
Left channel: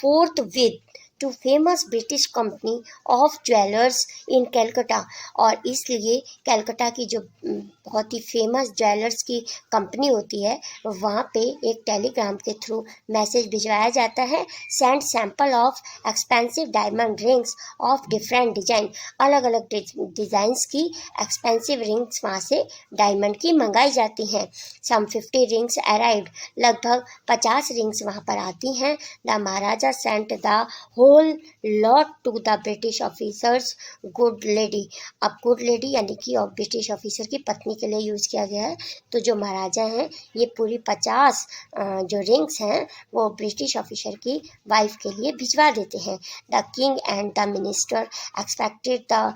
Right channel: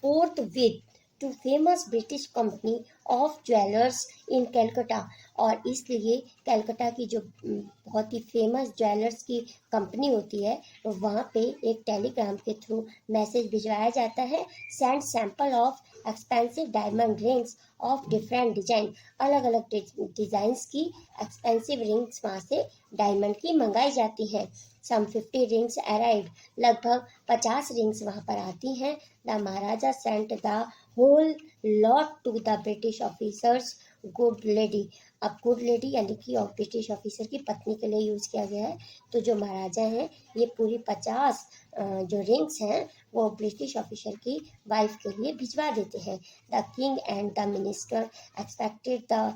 forthwith to famous British company of jewellers in Calcutta. और इसलिए कैलकाटा की जो बहुत ही फेमस ज्वेलर्स की कंपनी होती है वहाँ पे एक टेलीग्राम के थ्रू मैसेज भिजवाया जाता है। Send sample of expensive diamond rings of different design. अलग अलग डिज़ाइंस की एक्सपेंसिव रिंग्स वहाँ से डायमंड की मंगाई जाती हैं। Some 50 rings arrived. लगभग 50 रिंग्स वहाँ पर आती हैं। The Maharaja sent the whole lot to the British officer's good lady. अब गुड लेडी यानी कि ब्रिटिश ऑफिसर की पत्नी के लिए यूज़ किया गया है। तो जो महाराजा हैं ये पूरी 50 जो रिंग्स हैं वो ब्रिटिश ऑफिसर की वाइफ के लिए भिजवा देते हैं। The king and the minister expected the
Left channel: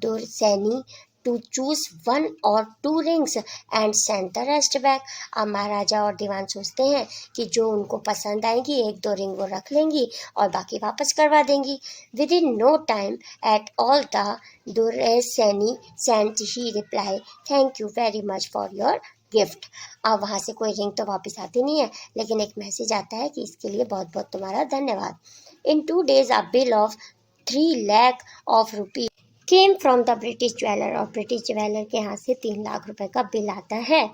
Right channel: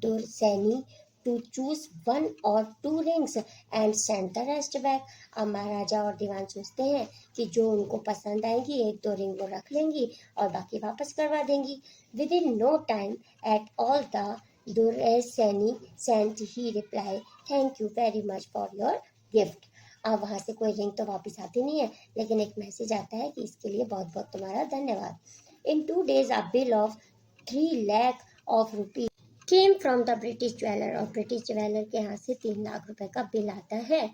durasani to choose 1 or 2 rings and send the rest back. अब महाराजा और दीवान सोचते हैं कि जो उनको पसंद आएगी 1-2 रिंग वो रख लेंगी और बाकी वापस करवा देंगी। Within no time at all the durasani sent he reply thank you very much for your gift. अब वहाँ से कोई रिंग तो वापस आती नहीं है, लेकिन एक मैसेज आता है कि इसके लिए बहुत बहुत तुम्हारा धन्यवाद। इन 2 days a bill of 3 lakh of rupees came from the British jeweller. और ब्रिटिश ज्वेलर के यहाँ से 3 लाख रुपए का बिल आता है।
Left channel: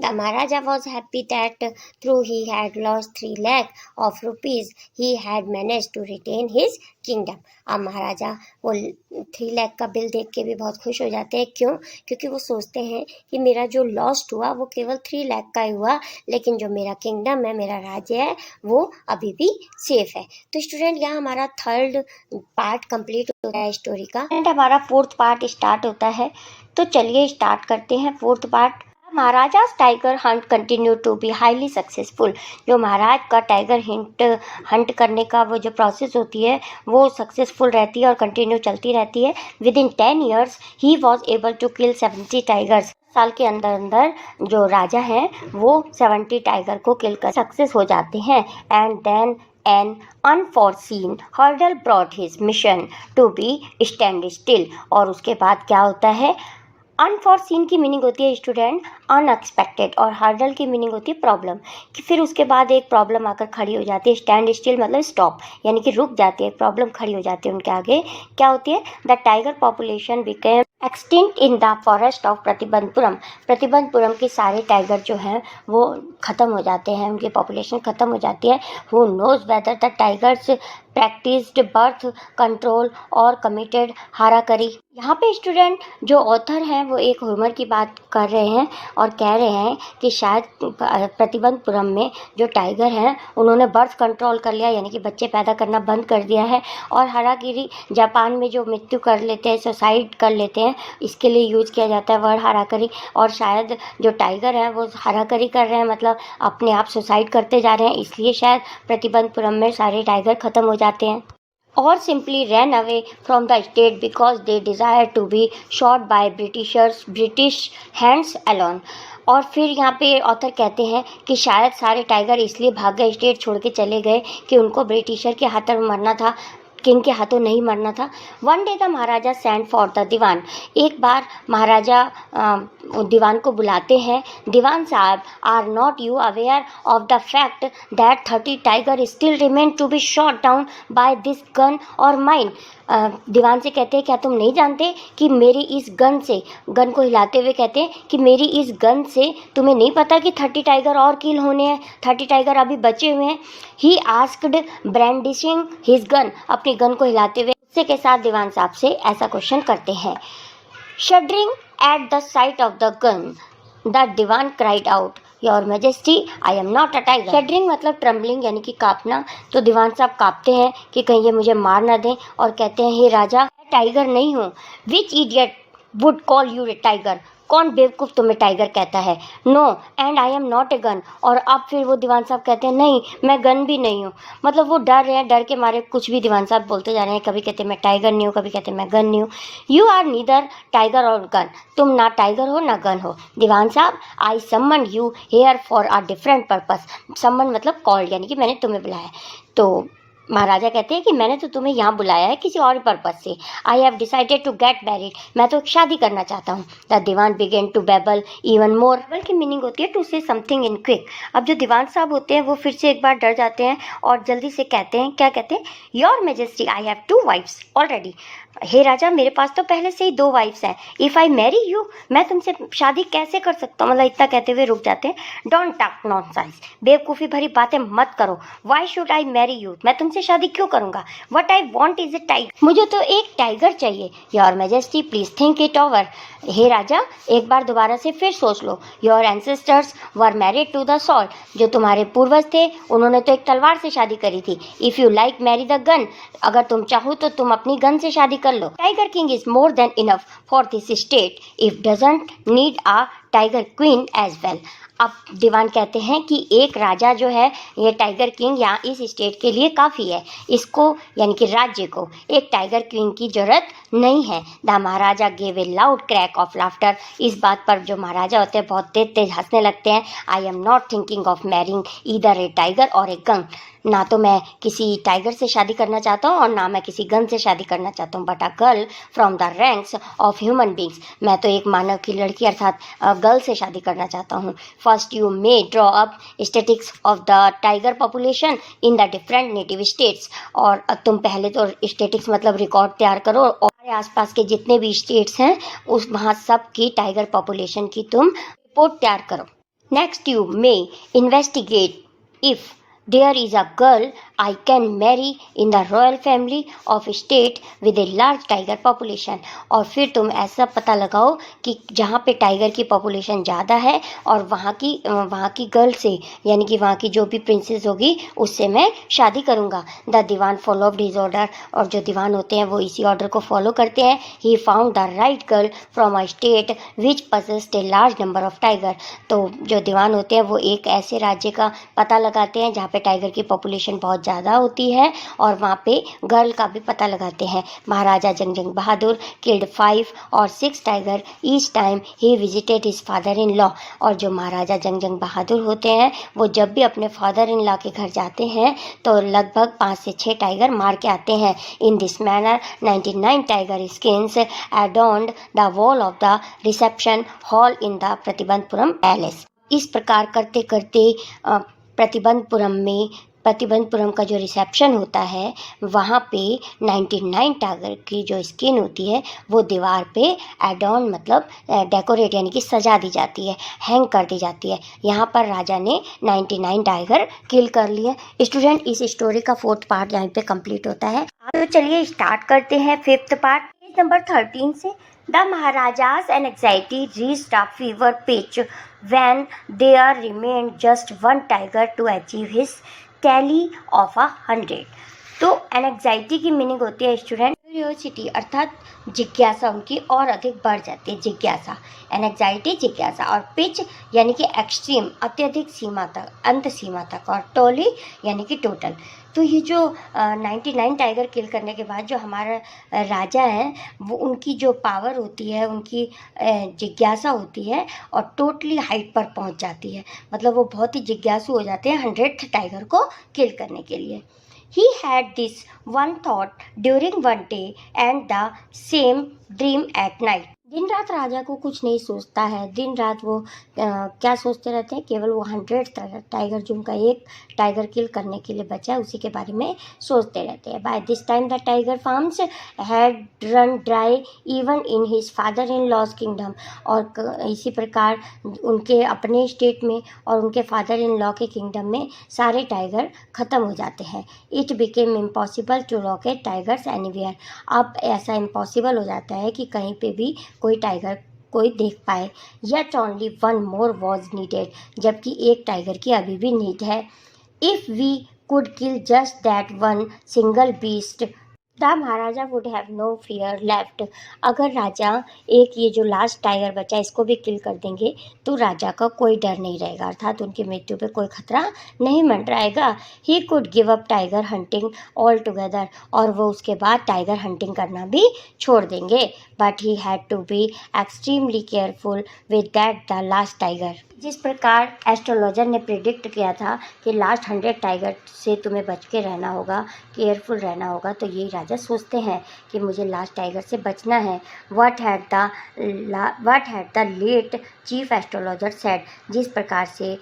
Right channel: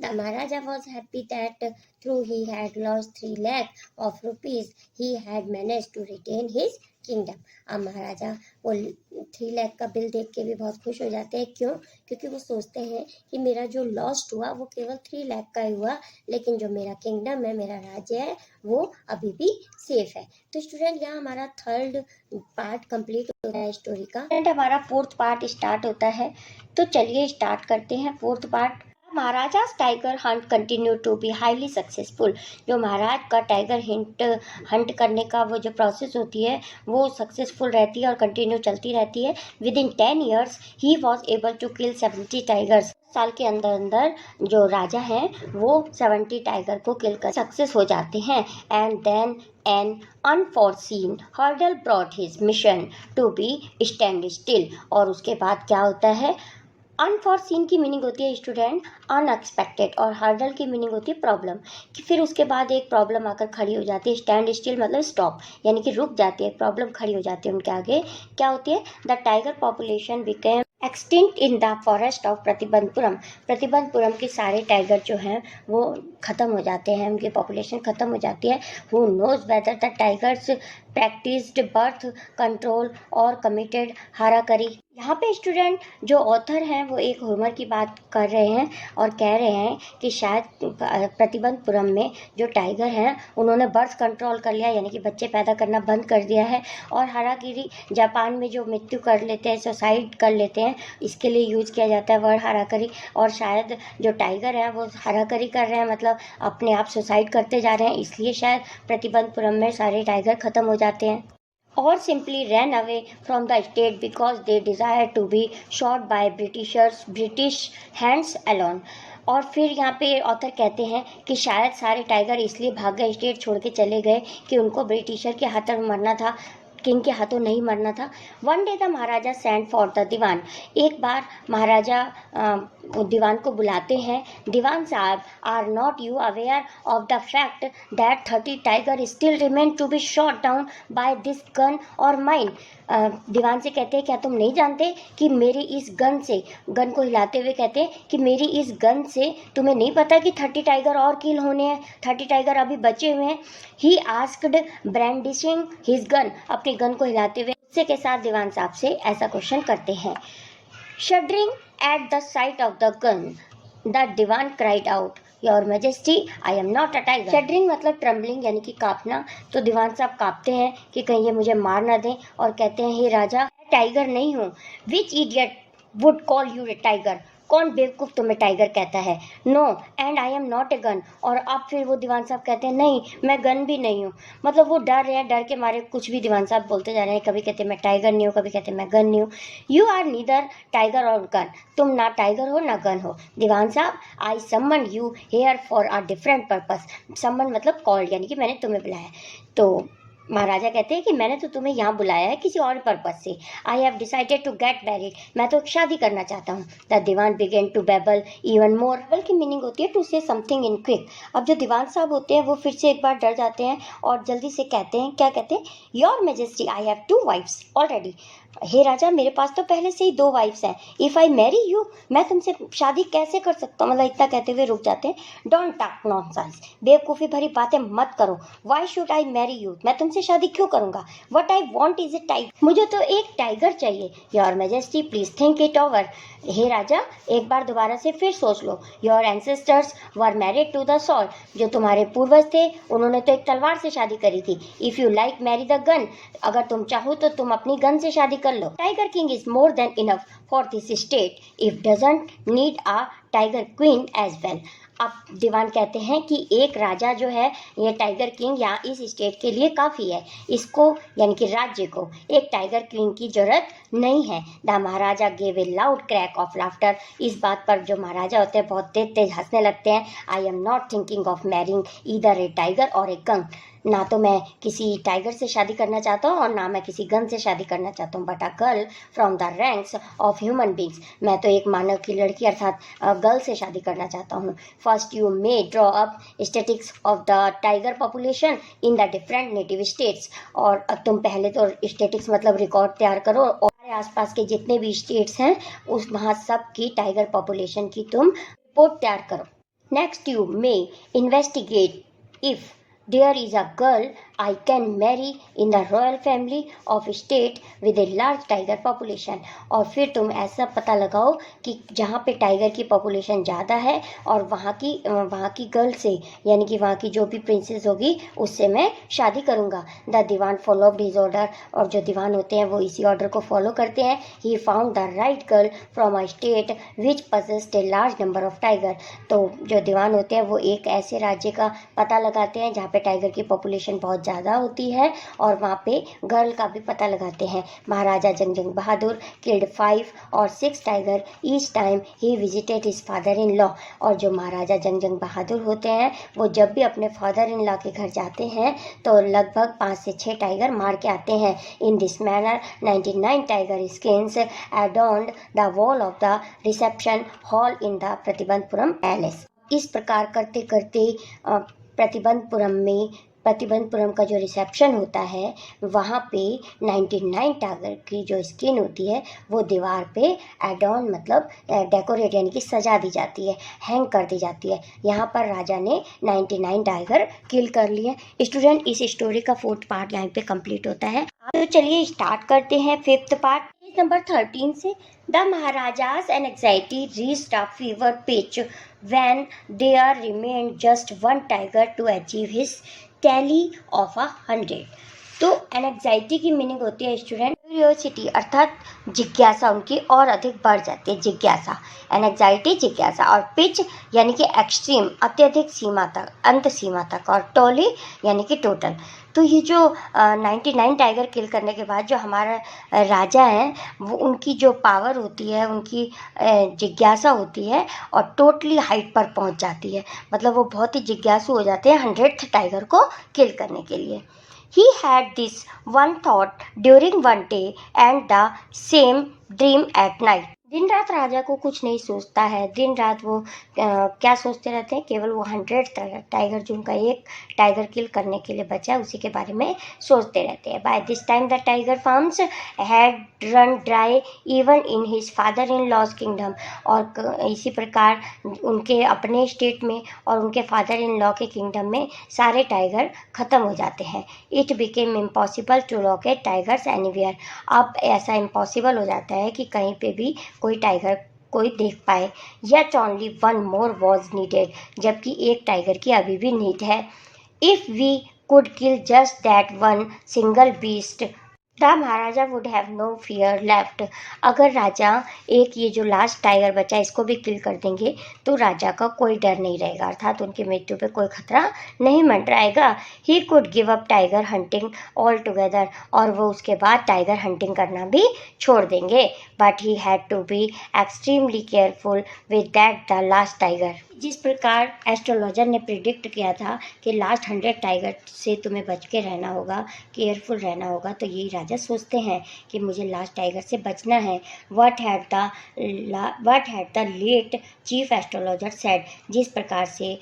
The Maharaja was happy that through he had lost 3 lakh of rupees he had manage to retain his kingdom. अब महाराजा वो 3 लाख का बिल देख के भी बहुत खुश हो जाते हैं। क्यों? क्योंकि वो सोचते हैं कि मेरा जो लॉस्ट हुआ वो केवल 3 लाख का ही हुआ, लेकिन जो मेरा किंगडम है, मेरा राज्य है, वो अभी भी सेफ है। तो स्टूडेंट यहाँ हमारा 3rd पार्ट कंप्लीट होता है स्टोरी का एंड हमारा 4th पार्ट स्टार्ट होता है। तो चलिए स्टार्ट करते हैं 4th पार्ट। महाराजा's tiger hunt continue to be highly successful. जो महाराज का टाइगर हंट करने का वो जो प्रोसेस होती है वो सक्सेसफुल रहती है और कंटिन्यू चलती रहती है। Within 10 years he was able to kill 70 tigers. साल के अंदर अंदर जो राजा हैं वो 70 टाइगर को किल कर सक्सेस हो जाते हैं। And then an unforeseen hurdle brought his mission to be stand still। और उसके बाद क्या होता है? अनफॉरसीन की मीनिंग होती है स्टूडेंट अनएक्सपेक्टेड, और हर्डल की मीनिंग होती है प्रॉब्लम, कि फिर उसके बाद एक प्रॉब्लम आकर खड़ी हो जाती है। स्टैंड स्टिल मतलब स्टॉप, यानी कि रुक जाती है, प्रॉब्लम खड़ी हो जाती है उनके आगे। क्या होती है? The tiger population became extinct in the forest of Pratibandapuram. Pratibandapuram के सारे टाइगर जो हैं वो ख़त्म हो जाते हैं, उनकी पॉपुलेशन ख़त्म हो जाती है। Who knows whether the tigers practised birth control और कमिटेड हाराकरी। यहाँ पे स्टूडेंट जो ऑथर हैं वो एक ह्यूमर की बात कर रहे हैं और कह रहे हैं कि शायद प्रतिबंधपुरम में जो टाइगर हैं उन्होंने बर्थ कंट्रोल कर लिया, यानी कि बच्चे पैदा करना बंद कर दिया है। और हारागिरी जापान में जो मृत्यु कर लेते हैं, सुसाइड कर लेते हैं, इसके लिए यूज़ किया जाता है वर्ड हाराकरी। और शायद जो टाइगर हैं वो हाराकरी कर रहे हैं, मतलब अपने आप सुसाइड करते जा रहे हैं, इसलिए शायद प्रतिबंधपुरम में सारे टाइगर ख़त्म हो जाते हैं। और simply ran away from the state because they desired to be shot by British hands alone। और फिर यहाँ पे ऑथर कहते हैं कि शायद सारे टाइगर इसलिए भाग गए, स्टेट छोड़ के चले गए कि उनको ब्रिटिशर के हाथों में मरना था, किंग के हाथों नहीं मरना था। One day the maharaja send for the dewan. एक बार महाराजा दीवान को बुलाते हैं। दीवान साहब, are not you aware of the fact that 30 tiger still remain to be shot down by this gun or mine. दीवान से कहते हैं क्या तुम नहीं जानते कि मेरी इस गन से, गन को हिलाते हुए कहते हैं कि मेरी इस गन से तुम्हें नहीं पता कि 30 टाइगर और किल होने हैं, 30 टाइगर अभी बचे हुए हैं। He asked brandishing his gun. अपनी गन को हिलाते हुए गुस्से के साथ दीवान साहब से ऐसा क्वेश्चन करते हैं। Shuddering at the sight of the gun the dewan cried out, your majesty I am not a tiger. Shuddering मतलब ट्रम्बलिंग, यानी कि कांपना। तो दीवान साहब कांपते हैं कि कहीं ये मुझे मार ना दें, और कहते हैं हे राजा, मैं टाइगर नहीं हूँ। Which idiot would call you a tiger. कौन बेवकूफ़ तुम्हें टाइगर कहता है। No and I am not a gun. और अब फिर वो दीवान साहब कहते हैं नहीं, मैं गन भी नहीं हूँ। मतलब वो डर रहे हैं, डर के मारे कुछ भी दीवान साहब बोलते जा रहे हैं। कभी कहते हैं मैं टाइगर नहीं हूँ, कभी कहते हैं मैं गन नहीं हूँ। You are neither tiger or gun. तुम ना टाइगर हो ना गन हो। दीवान साहब, I summon you here for a different purpose. Summon मतलब कॉल्ड, यानी कि मैंने तुम्हें बुलाया। तो महाराजा कहते हैं कि मैंने तो तुम्हें यहाँ बुलाया है किसी और पर्पज से। I have decided to get married, मैं तो शादी करना चाहता हूँ। The dewan began to babble even more. Babble की मीनिंग होती है टू से समथिंग इन क्विक। अब जो दीवान साहब होते हैं वो फिर से एक बार डर जाते हैं और जल्दी से कहते हैं, क्या कहते हैं, your majesty I have 2 wives already. हे राजा, मेरे पास तो पहले से ही 2 वाइफ्स हैं। इफ़ आई मैरी यू, मैं तुमसे शादी कैसे कर सकता हूँ। मतलब इतना कहते हुए रुक जाते हैं। डोंट टॉक नॉनसेंस, बेवकूफ़ी भरी बातें मत करो। Why should I marry you, मैं तुमसे शादी क्यों करूँगा। What I want is a tiger, मुझे तो एक टाइगर चाहिए। Your majesty please think it over. हे राजा, एक बार दोबारा से फिर सोच लो। Your ancestors were married to the sword, जो तुम्हारे पूर्वज थे उन्होंने तो एक तलवार से शादी करी थी। If you like marry the gun, अगर तुम चाहो तो तुम अपनी गन से शादी कर लो। Tiger king is more than enough for this state if doesn't need a tiger queen as well. अब दीवान कहते हैं कि एक राजा जो है, ये टाइगर किंग यहाँ इस स्टेट के लिए काफ़ी है। इसको यानी कि राज्य को एक टाइगर क्वीन की जरूरत नहीं है। The Maharaja gave a loud crack of laughter. इस बात पर जो महाराजा होते हैं बहुत तेज तेज हंसने लगते हैं। आई am not thinking of marrying either A tiger और ए गन। ना तो मैं किसी टाइगर से शादी करना चाहता हूँ और ना मैं किसी गन से शादी करना चाहता हूँ, but a girl from the ranks of human beings. मैं तो एक मानव की लड़की अर्थात गर्ल से शादी करना चाहता हूँ। First you may draw up statics of the tiger population in the different native states. और तुम पहले तो स्टेटिक्स मतलब रिकॉर्ड तैयार करो और आसपास के जितने भी स्टेट्स हैं उस वहाँ सब की टाइगर पॉपुलेशन की तुम रिपोर्ट तैयार करो। Next you may investigate if there is a girl I can marry in the royal family of a state with a large tiger population। और फिर तुम ऐसा पता लगाओ कि जहाँ पे टाइगर की पॉपुलेशन ज़्यादा है और वहाँ की गर्ल से यानी कि वहाँ की जो भी प्रिंसेस होगी उससे मैं शादी करूँगा। The dewan followed his order, और जो दीवान होते हैं वो इसी ऑर्डर को फॉलो करते हैं। He found the right girl from a state which possessed a large number of tiger. तो जो दीवान होते हैं वो एक ऐसे राज्य का पता लगाते हैं जहाँ पे टाइगर की पॉपुलेशन बहुत ज़्यादा होती है और वहाँ पे गर्ल का भी पता लगाते हैं। महाराजा जंगजंग बहादुर किल्ड 5 और 6 tiger each time he visited his father in law. और जो महाराजा जंगजंग बहादुर होते हैं वो जब भी अपने फादर इन लॉ के घर जाते हैं तो लगभग 5 से 6 टाइगर मार के आते हैं। In this manner 99 tiger skins adorned the wall of the reception hall in the Pratibandapuram palace. इस प्रकार करते करते प्रतिबंधपुरम का जो रिसेप्शन होता है वहाँ पे 99 टाइगर की जो स्किन होती है वो दीवार पे एडॉन मतलब डेकोरेट यानी कि सजा दी जाती है, हैंग कर दी जाती है। यहाँ पर राजा ने 99 टाइगर किल कर लिए। स्टूडेंट, इस स्टोरी का 4th पार्ट यहाँ पे कंप्लीट होता है। तो चलिए स्टार्ट करते हैं 5th पार्ट नंबर 13 से। The maharaja's anxiety reached a fever pitch when there remained just one tiger to achieve his tally of 100। तो एनेक्साइटी की मीनिंग होती है स्टूडेंट क्यूरियोसिटी अर्थात जिज्ञासा उनकी और अधिक बढ़ जाती है। जिज्ञासा, एनेक्साइटी जिज्ञासा, और पिच यानी कि एक्सट्रीम अत्यधिक सीमा तक, अंत सीमा तक, और टोली यानी कि टोटल। तो ये जो 99 टाइगर किल करने के बाद जो हमारा राजा है वो उनकी जो पावर होती है, उनकी जिज्ञासा होती है और टोटली हाइट पर पहुंच जाती है। मतलब वो बहुत ही जिज्ञासु हो जाते हैं 100th टाइगर को किल करने के लिए। He had this one thought during one day and the same dream at night। दिन रात राजा को कुछ नहीं सोचता है। दिन रात वो क्या सोचते रहते हैं, केवल वो 100 टाइगर जो उनका एक टाइगर किल करने के लिए बचा है उसी के बारे में सोचते रहते हैं। By this time the tiger farms had run dry even in his father in law's kingdom. और इसी प्रकार उनके अपने स्टेट में और उनके फादर इन लॉ के किंगडम में सारे टाइगर ख़त्म हो जाते हैं। It became impossible to locate tigers anywhere. अब ऐसा इम्पॉसिबल हो जाता है कि कहीं पे भी कोई टाइगर कोई देख पाए। Yet only one more was needed, जबकि एक टाइगर की अभी भी नीड है। If we could kill just that one single beast the Maharaja would have no fear left. अगर राजा एक ये जो लास्ट टाइगर बचा इसको भी किल कर देंगे तो राजा का कोई डर नहीं रहेगा, अर्थात उनकी मृत्यु पे कोई खतरा नहीं मंडराएगा। He could give up tiger hunting all together, और वो उसके बाद टाइगर हंटिंग करना भी छोड़ देंगे। But he had to be extremely careful with that the last tiger. जिस प्रकार एस्ट्रोलॉजर ने प्रिडिक्ट किया था कि लास्ट 100 टाइगर से तुम्हें बच के रहना होगा, केयरफुल रहना होगा, तो यही राजा सोचते हैं कि मुझे लास्ट टाइगर से बचना है। What had the late chief astrologer said, जिस प्रकार से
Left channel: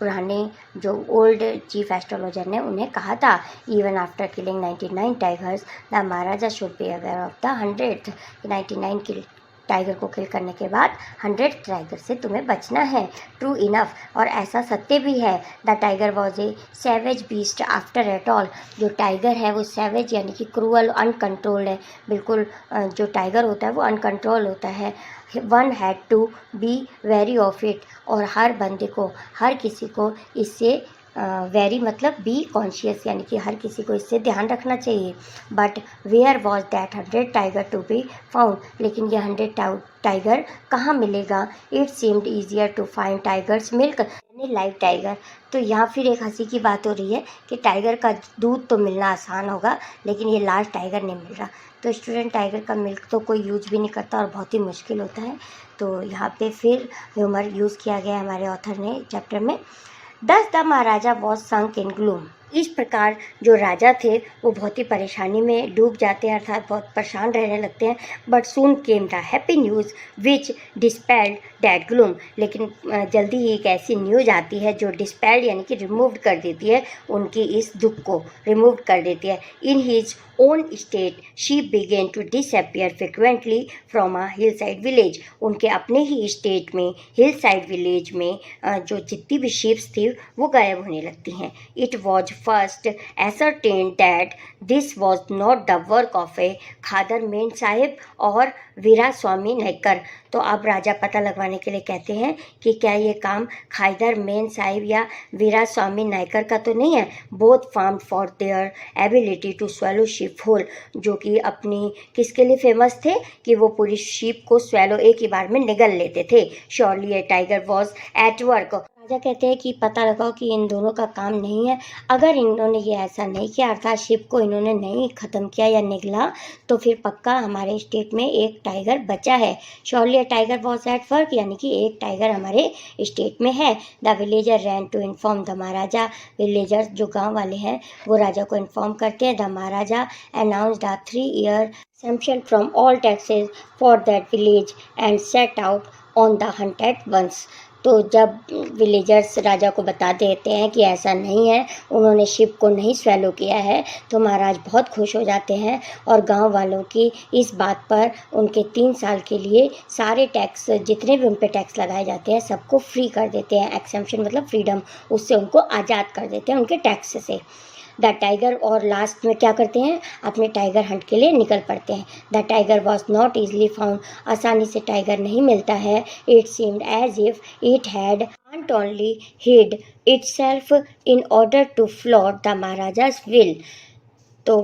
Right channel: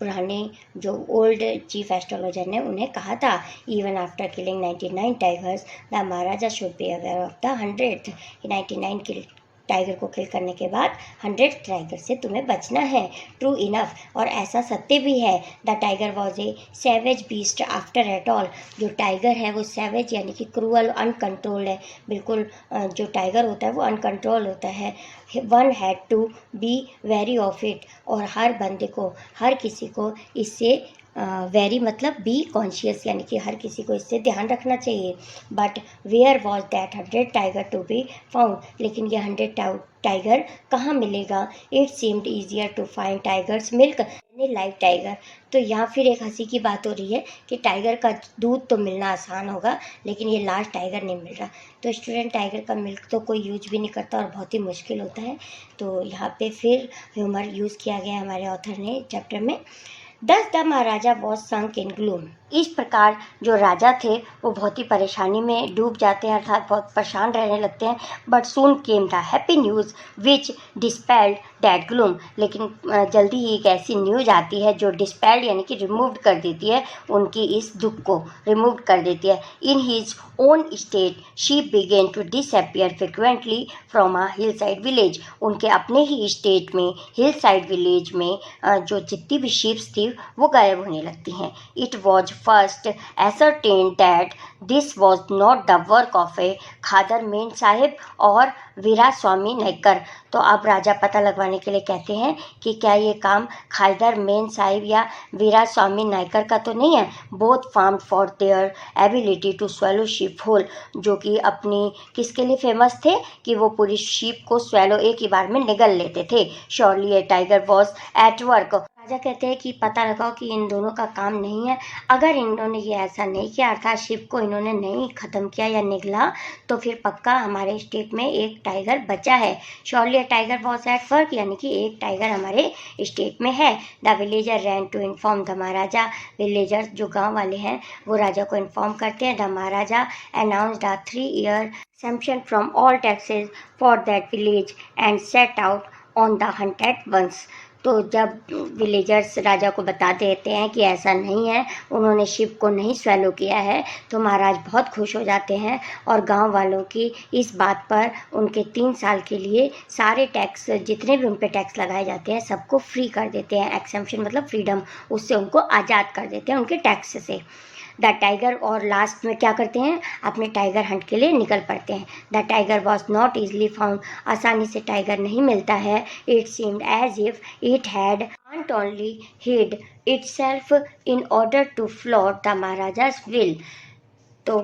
पुराने जो ओल्ड चीफ एस्ट्रोलॉजर ने उन्हें कहा था, even after killing 99 tigers the Maharaja should be aware of the 100th। 99 tiger को किल करने के बाद 100 टाइगर से तुम्हें बचना है। ट्रू इनफ, और ऐसा सत्य भी है। The tiger was a savage beast after at all, जो टाइगर है वो सैवेज यानी कि क्रूअल, अनकंट्रोल्ड है। बिल्कुल जो टाइगर होता है वो अनकंट्रोल होता है। One had to be wary of it, और हर बंदे को, हर किसी को इससे वेरी मतलब बी कॉन्शियस, यानी कि हर किसी को इससे ध्यान रखना चाहिए। But where was that 100 tiger to be found, लेकिन ये 100 टाइगर कहाँ मिलेगा। It seemed easier to find tiger's milk यानी लाइव टाइगर। तो यहाँ फिर एक हंसी की बात हो रही है कि टाइगर का दूध तो मिलना आसान होगा, लेकिन ये लास्ट टाइगर नहीं मिल रहा। तो स्टूडेंट, टाइगर का मिल्क तो कोई यूज भी नहीं करता और बहुत ही मुश्किल होता है। तो यहाँ पे फिर ह्यूमर यूज़ किया गया हमारे ऑथर ने चैप्टर में। दस the Maharaja was sunk in gloom, इस प्रकार जो राजा थे वो बहुत ही परेशानी में डूब जाते हैं, अर्थात बहुत परेशान रहने लगते हैं। But soon came the happy news which dispelled that gloom, लेकिन जल्दी ही एक ऐसी न्यूज़ आती है जो डिस्पेल्ड यानी कि रिमूव कर देती है उनकी इस दुख को, रिमूव कर देती है। In his own state she began to disappear frequently from a hillside village, उनके अपने ही स्टेट में हिल साइड विलेज में जो जितनी भी शिप्स थी वो गायब होने लगती हैं। It was first ascertained that this was not the work of a Khader Mian Sahib और वीरा स्वामी नायकर। तो अब राजा पता लगवाने के लिए कहते हैं कि क्या ये काम खादर मेन साहिब या वीरा स्वामी नायकर का तो नहीं है। बोथ फार्म for their ability to swallow sheep whole, जो कि अपनी किसके लिए फेमस थे कि वो पूरी शीप को स्वेलो एक ही बार में निगल लेते थे। Surely a tiger was at work, राजा कहते हैं कि पता लगाओ कि इन दोनों का काम नहीं है। अगर इन्होंने ये ऐसा नहीं किया, अर्थात शिप को इन्होंने नहीं ख़त्म किया या निगला, तो फिर पक्का हमारे स्टेट में एक टाइगर बचा है। Surely tiger was at work, यानी कि एक टाइगर हमारे स्टेट में है। The villager ran to inform the Maharaja, villager जो गाँव वाले हैं वो राजा को इन्फॉर्म करते हैं। The Maharaja announce the 3-year exemption from all taxes for that village and set out on the hunt at once. तो जब विलेजर्स राजा को बता देते हैं कि ऐसा नहीं है, उन्होंने शिप को नहीं स्वेलो किया है, तो महाराज बहुत खुश हो जाते हैं और गांव वालों की इस बात पर उनके 3 साल के लिए सारे टैक्स, जितने भी उन पर टैक्स लगाए जाते हैं, सबको फ्री कर देते हैं। एक्सेम्पशन मतलब फ्रीडम, उससे उनको आज़ाद कर देते हैं उनके टैक्स से। द टाइगर, और लास्ट में क्या करते हैं, अपने टाइगर हंट के लिए निकल पड़ते हैं। The tiger was not easily found, आसानी से टाइगर नहीं मिलता है। It seemed as if it had can't only hid itself in order to flout the Maharaja's will। तो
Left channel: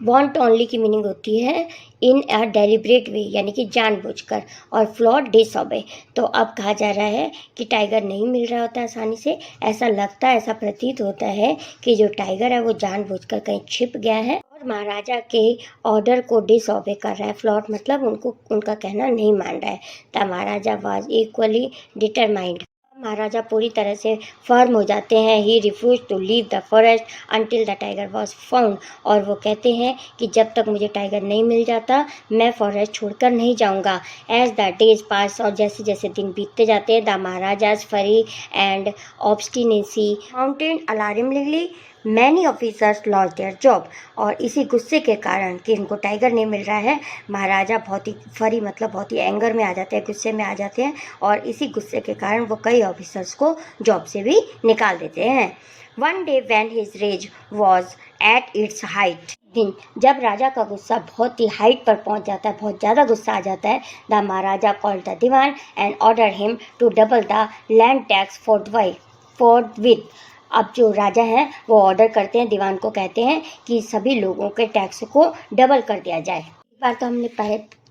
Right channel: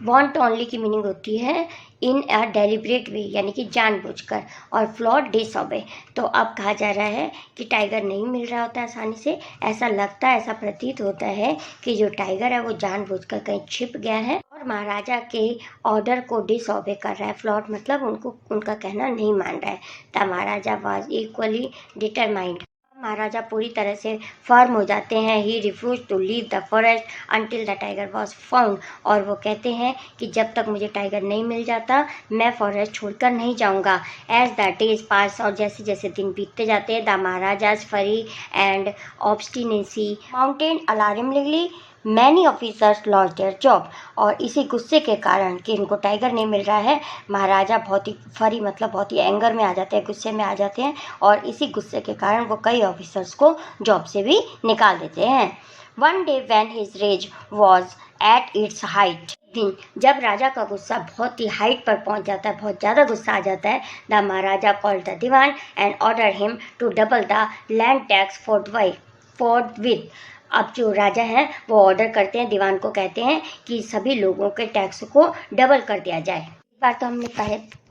वॉन्ट ओनली की मीनिंग होती है इन अ डेलिब्रेट वे, यानी कि जानबूझकर, और फ्लॉट डिसऑबे। तो अब कहा जा रहा है कि टाइगर नहीं मिल रहा होता आसानी से, ऐसा लगता है, ऐसा प्रतीत होता है कि जो टाइगर है वो जानबूझकर कहीं छिप गया है और महाराजा के ऑर्डर को डिसऑबे कर रहा है। फ्लॉट मतलब उनको, उनका कहना नहीं मान रहा है। The maharaja was equally determined, maharaja पूरी तरह से फर्म हो जाते हैं। He refuse to leave the forest until the tiger was found, और वो कहते हैं कि जब तक मुझे टाइगर नहीं मिल जाता मैं फॉरेस्ट छोड़कर नहीं जाऊंगा। एज द डेज पास, और जैसे जैसे दिन बीतते जाते हैं, द महाराजाज फरी and obstinacy mountain alarmingly many officers lost their job. और इसी गुस्से के कारण कि इनको टाइगर नहीं मिल रहा है, महाराजा बहुत ही फरी मतलब बहुत ही एंगर में आ जाते हैं, गुस्से में आ जाते हैं, और इसी गुस्से के कारण वो कई ऑफिसर्स को जॉब से भी निकाल देते हैं। One day when his rage was at its height, दिन जब राजा का गुस्सा बहुत ही हाइट पर पहुंच जाता है, बहुत ज़्यादा गुस्सा आ जाता है, the Maharaja called the dewan and order him to double the land tax forthwith. अब जो राजा हैं वो ऑर्डर करते हैं, दीवान को कहते हैं कि सभी लोगों के टैक्स को डबल कर दिया जाए। बार तो हमने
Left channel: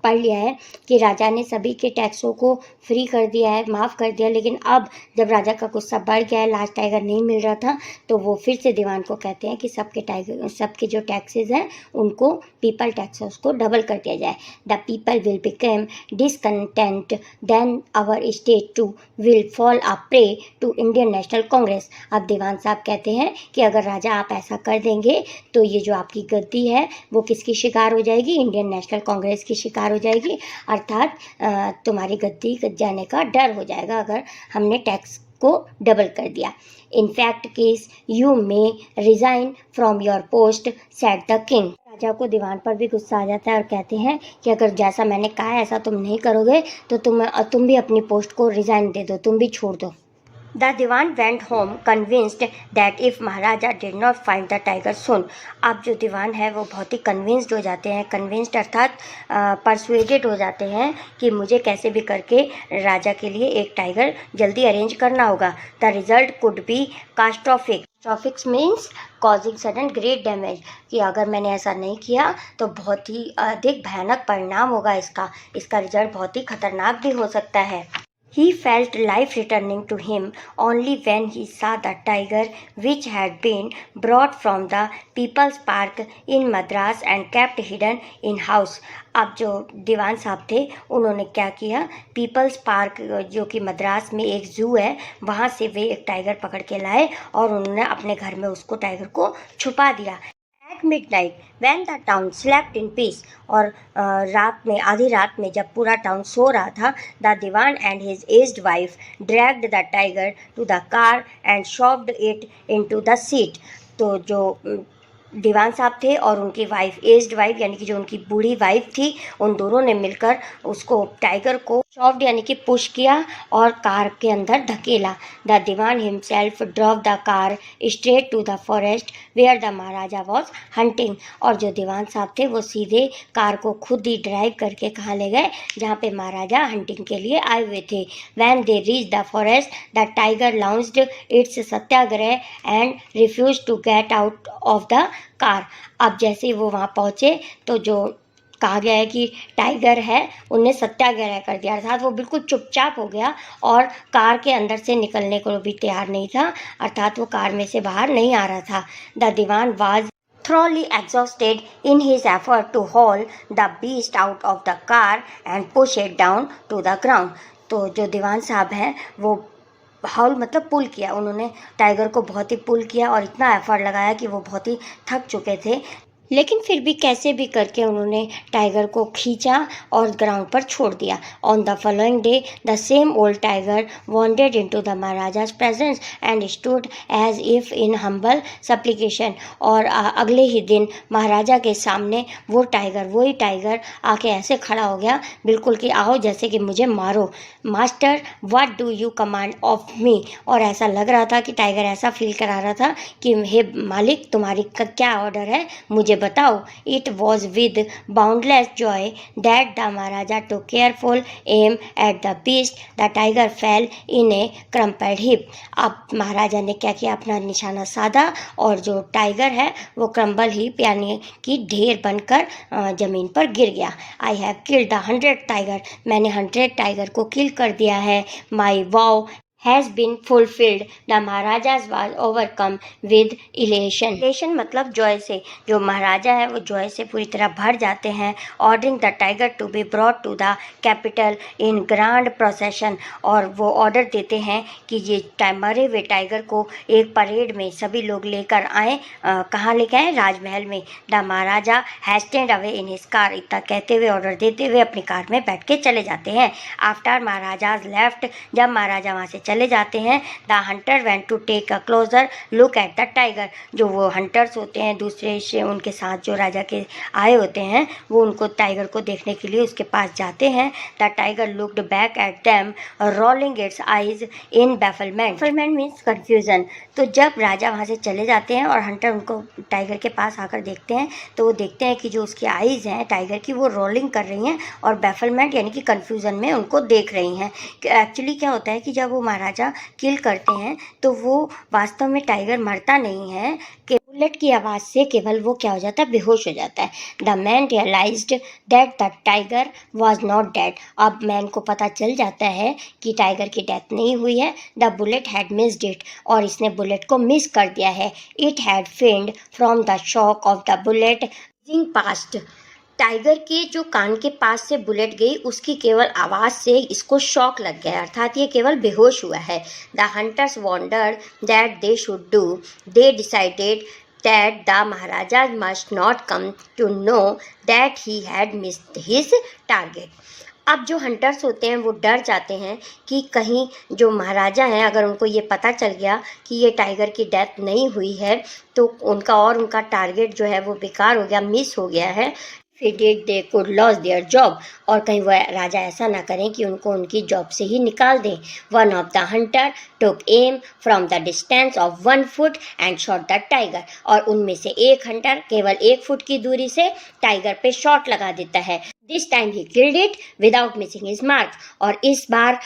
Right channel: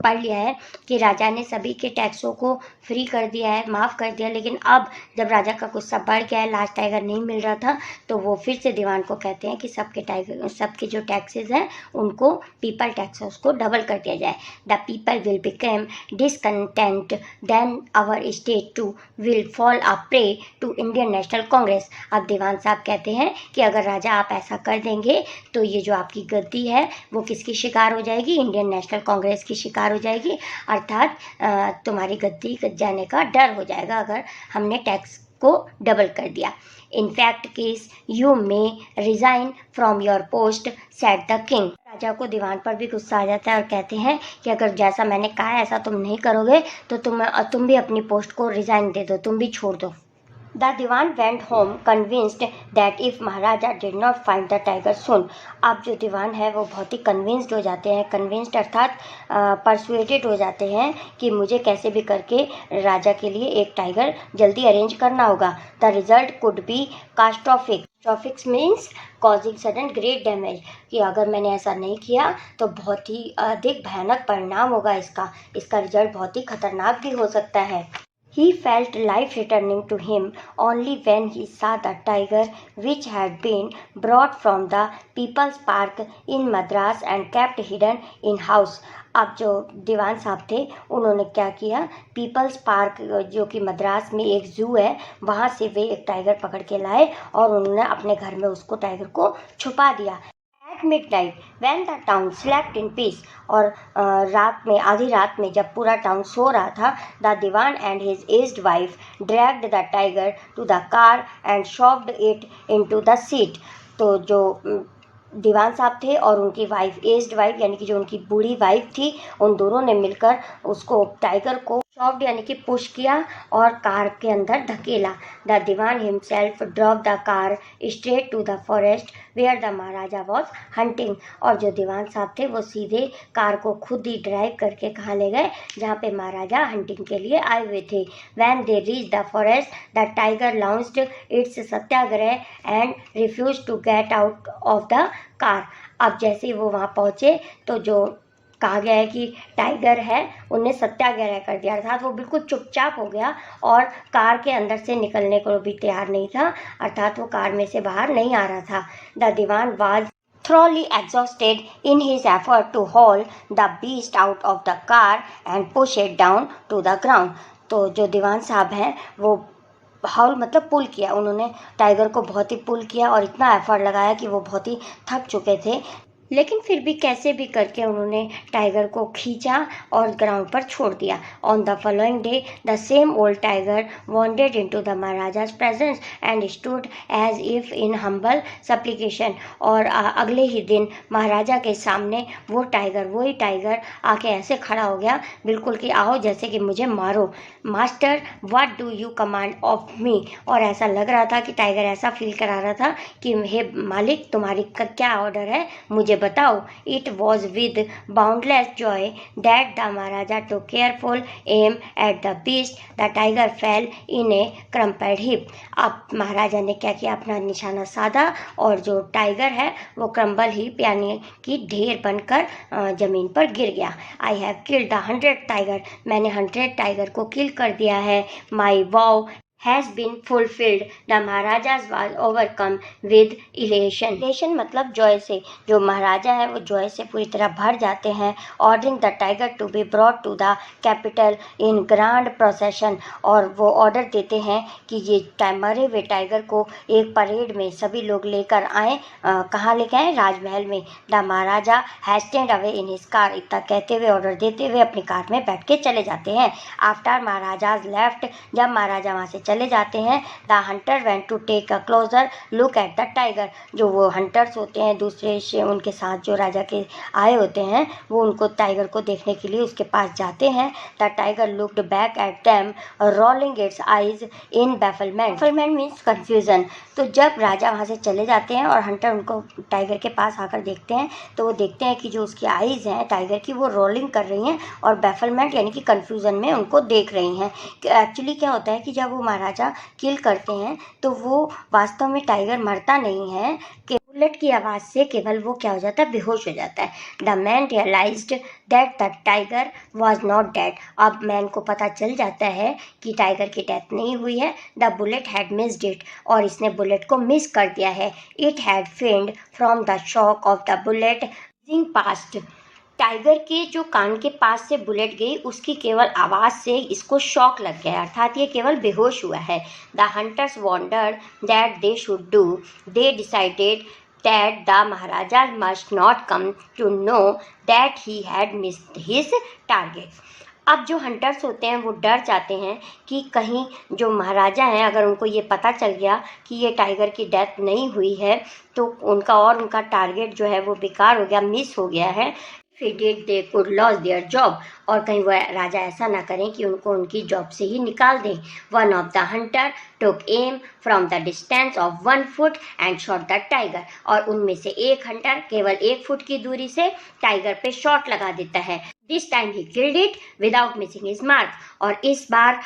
पढ़ लिया है कि राजा ने सभी के टैक्सों को फ्री कर दिया है, माफ़ कर दिया, लेकिन अब जब राजा का गुस्सा बढ़ गया है, लास्ट टाइगर नहीं मिल रहा था, तो वो फिर से दीवान को कहते हैं कि सबके जो टैक्सेस हैं उनको पीपल टैक्सेस को डबल कर दिया जाए। The people will become discontent, then our state too will fall a prey to Indian National Congress. अब दीवान साहब कहते हैं कि अगर राजा आप ऐसा कर देंगे तो ये जो आपकी गद्दी है वो किसकी शिकार हो जाएगी? इंडियन नेशनल कांग्रेस की शिकार हो जाएगी, अर्थात तुम्हारी गद्दी जाने का डर हो जाएगा अगर हमने टैक्स को डबल कर दिया। In fact case you may resign from your post, said the king. राजा को दीवान पर भी गुस्सा आ जाता है और कहते हैं कि अगर जैसा मैंने कहा है ऐसा तुम नहीं करोगे तो तुम भी अपनी पोस्ट को रिजाइन दे दो, तुम भी छोड़ दो। The Diwan went home convinced that if Maharaja did not find the tiger soon, अब जो दीवान है वो बहुत ही कन्विंस्ड हो जाते हैं, कन्विंस्ड अर्थात परसुएटेड हो जाते हैं कि मुझे कैसे भी करके राजा के लिए एक टाइगर जल्दी अरेंज करना होगा। The result could be catastrophic. Catastrophic means causing sudden great damage, कि अगर मैंने ऐसा नहीं किया तो बहुत ही अधिक भयानक परिणाम होगा इसका रिजल्ट बहुत ही खतरनाक भी हो सकता है। He felt life returning to him only when he saw the tiger which had been brought from the People's Park in Madras and kept hidden in house. अब जो दीवान साहब थे उन्होंने क्या किया, पीपल्स पार्क जो कि मद्रास में एक जू है वहाँ से वे एक टाइगर पकड़ के लाए और उन्होंने अपने घर में उसको टाइगर को छुपा दिया। Midnight when the town slept in peace, और रात में आधी रात में जब पूरा टाउन सो रहा था, the dewan and his aged wife dragged the tiger to the car and shoved it into the seat. तो जो दीवान साहब थे और उनकी वाइफ, एज्ड वाइफ यानी कि जो उनकी बूढ़ी वाइफ थी, उन दोनों ने मिलकर उसको टाइगर को शॉव्ड यानी कि पुश किया और कार के अंदर धकेला। The dewan himself drove the car straight to the forest where the Maharaja was hunting, और जो दीवान साहब थे वो सीधे कार को खुद ही ड्राइव करके कहाँ ले गए, जहाँ पे महाराजा हंटिंग के लिए आए हुए थे। When they reach the forest the tiger launched its satyagraha and refuse to get out of the car. अब जैसे ही वो वहाँ पहुँचे तो जो कहा गया है कि टाइगर है उन्हें सत्याग्रह कर दिया, अर्थात वो बिल्कुल चुपचाप हो गया और कार के अंदर से निकलने को भी तैयार नहीं था, अर्थात वो कार में से बाहर नहीं आ रहा था। The dewan was thoroughly exhausted in his effort to haul the beast out of the car and push it down to the ground. तो जो दीवान साहब हैं वो हाउल मतलब पुल किया, उन्होंने टाइगर को बहुत ही पुल किया और इतना एफर्ट लगाया कि वो बहुत ही थक चुके थे, लेकिन फिर भी कैसे भी करके उन्होंने टाइगर को खींचा और ग्राउंड पर छोड़ दिया। On the following day the same old tiger wandered into the maharaja's presence and stood as if in humble supplication, और अगले ही दिन महाराजा के सामने वही टाइगर आके ऐसे खड़ा हो गया बिल्कुल कि आओ जैसे कि मुझे मारो, master what do you command of me, और ऐसा लग रहा था कि टाइगर ऐसा फील करा रहा था कि हे मालिक तुम्हारी क्या ऑर्डर है, मुझे बताओ। It was with boundless joy that the Maharaja took careful aim at the beast, the tiger fell in a crumpled heap. अब महाराजा ने क्या किया, अपना निशाना साधा और जो टाइगर है वो क्रम्बल हिप यानी कि ढेर बनकर जमीन पर गिर गया। I have killed the 100 tiger, मैंने 100 टाइगर को किल कर दिया है। माई वाव has been fulfilled, the Maharaja's was overcome with elation. elation मतलब जॉय से, जो महाराजा है वो जॉय से पूरी तरह भर जाते हैं। ordering the tiger to be brought to the capital in grand procession, और वो ऑर्डर देते हैं कि ये मरे हुए टाइगर को एक परेड में सभी लोग लेकर आए। कहाँ लेकर आए? राजमहल में। The maharaja hastened away in his car, इतना कहते हुए ऑर्डर देते हुए अपनी कार में बैठ के चले जाते हैं। आफ्टर महाराजाज लेफ्ट, जब महाराजा वहाँ से चले जाते हैं, the hunter went to take a closer look at the tiger, जो वो हंटर्स होते हैं दूसरे से उनके साथ जो राजा के आए होते हैं वो उनको टाइगर को देखने के लिए उसके पास जाते हैं। The tiger looked back at them rolling its eyes in bafflement. Bafflement means confusion. तो जब राजा वहाँ से चले जाते हैं और हंटर उनको टाइगर के पास आकर देखते हैं तो वो देखते हैं कि जो उसकी आइज़ हैं टाइगर की वो रोलिंग कर रही हैं और बैफलमेंट यानी कि कन्फ्यूज़न में उनको देख रही हैं। एक्चुअली क्या होता है कि जब वो महाराजा किल करते हैं तो वो वास्तव में टाइगर मरता नहीं है, केवल बुलेट की आवाज़ से केवल वो क्या हो जाता है, बेहोश हो जाता है। The man realised that the tiger was not dead. अब मैन को पता चल जाता है कि टाइगर की डेथ नहीं हुई है। The bullet had missed it, और इसने बुलेट को मिस कर दिया है। It had fend from the shock of the bullet past. Tiger के जो कान के पास से बुलेट गई, उसकी केवल आवाज़ से इसको शॉक लग गया, अर्थात ये केवल बेहोश हुआ है। The hunters wandered that they should do. They decided that the Maharaja must not come to know that he had missed his target. अब जो हंटर्स होते हैं वो डर जाते हैं कि कहीं जो महाराजा हैं, अगर उनको ये पता चल गया कि ये टाइगर की डेथ नहीं हुई है, तो उनका टारगेट जो है वो बेकार हो गया, मिस हो गया है। They could loss their job, और कहीं वह राजा ऐसा ना करें कि उनको उनकी जॉब से ही निकाल दें। One of the Hunter took am from the distance of 1 foot and shot the tiger, और उनमें से एक हंटर केवल 1 फुट की दूरी से टाइगर पे शॉट लगा देता है। This time he killed it without missing his mark, और इस बार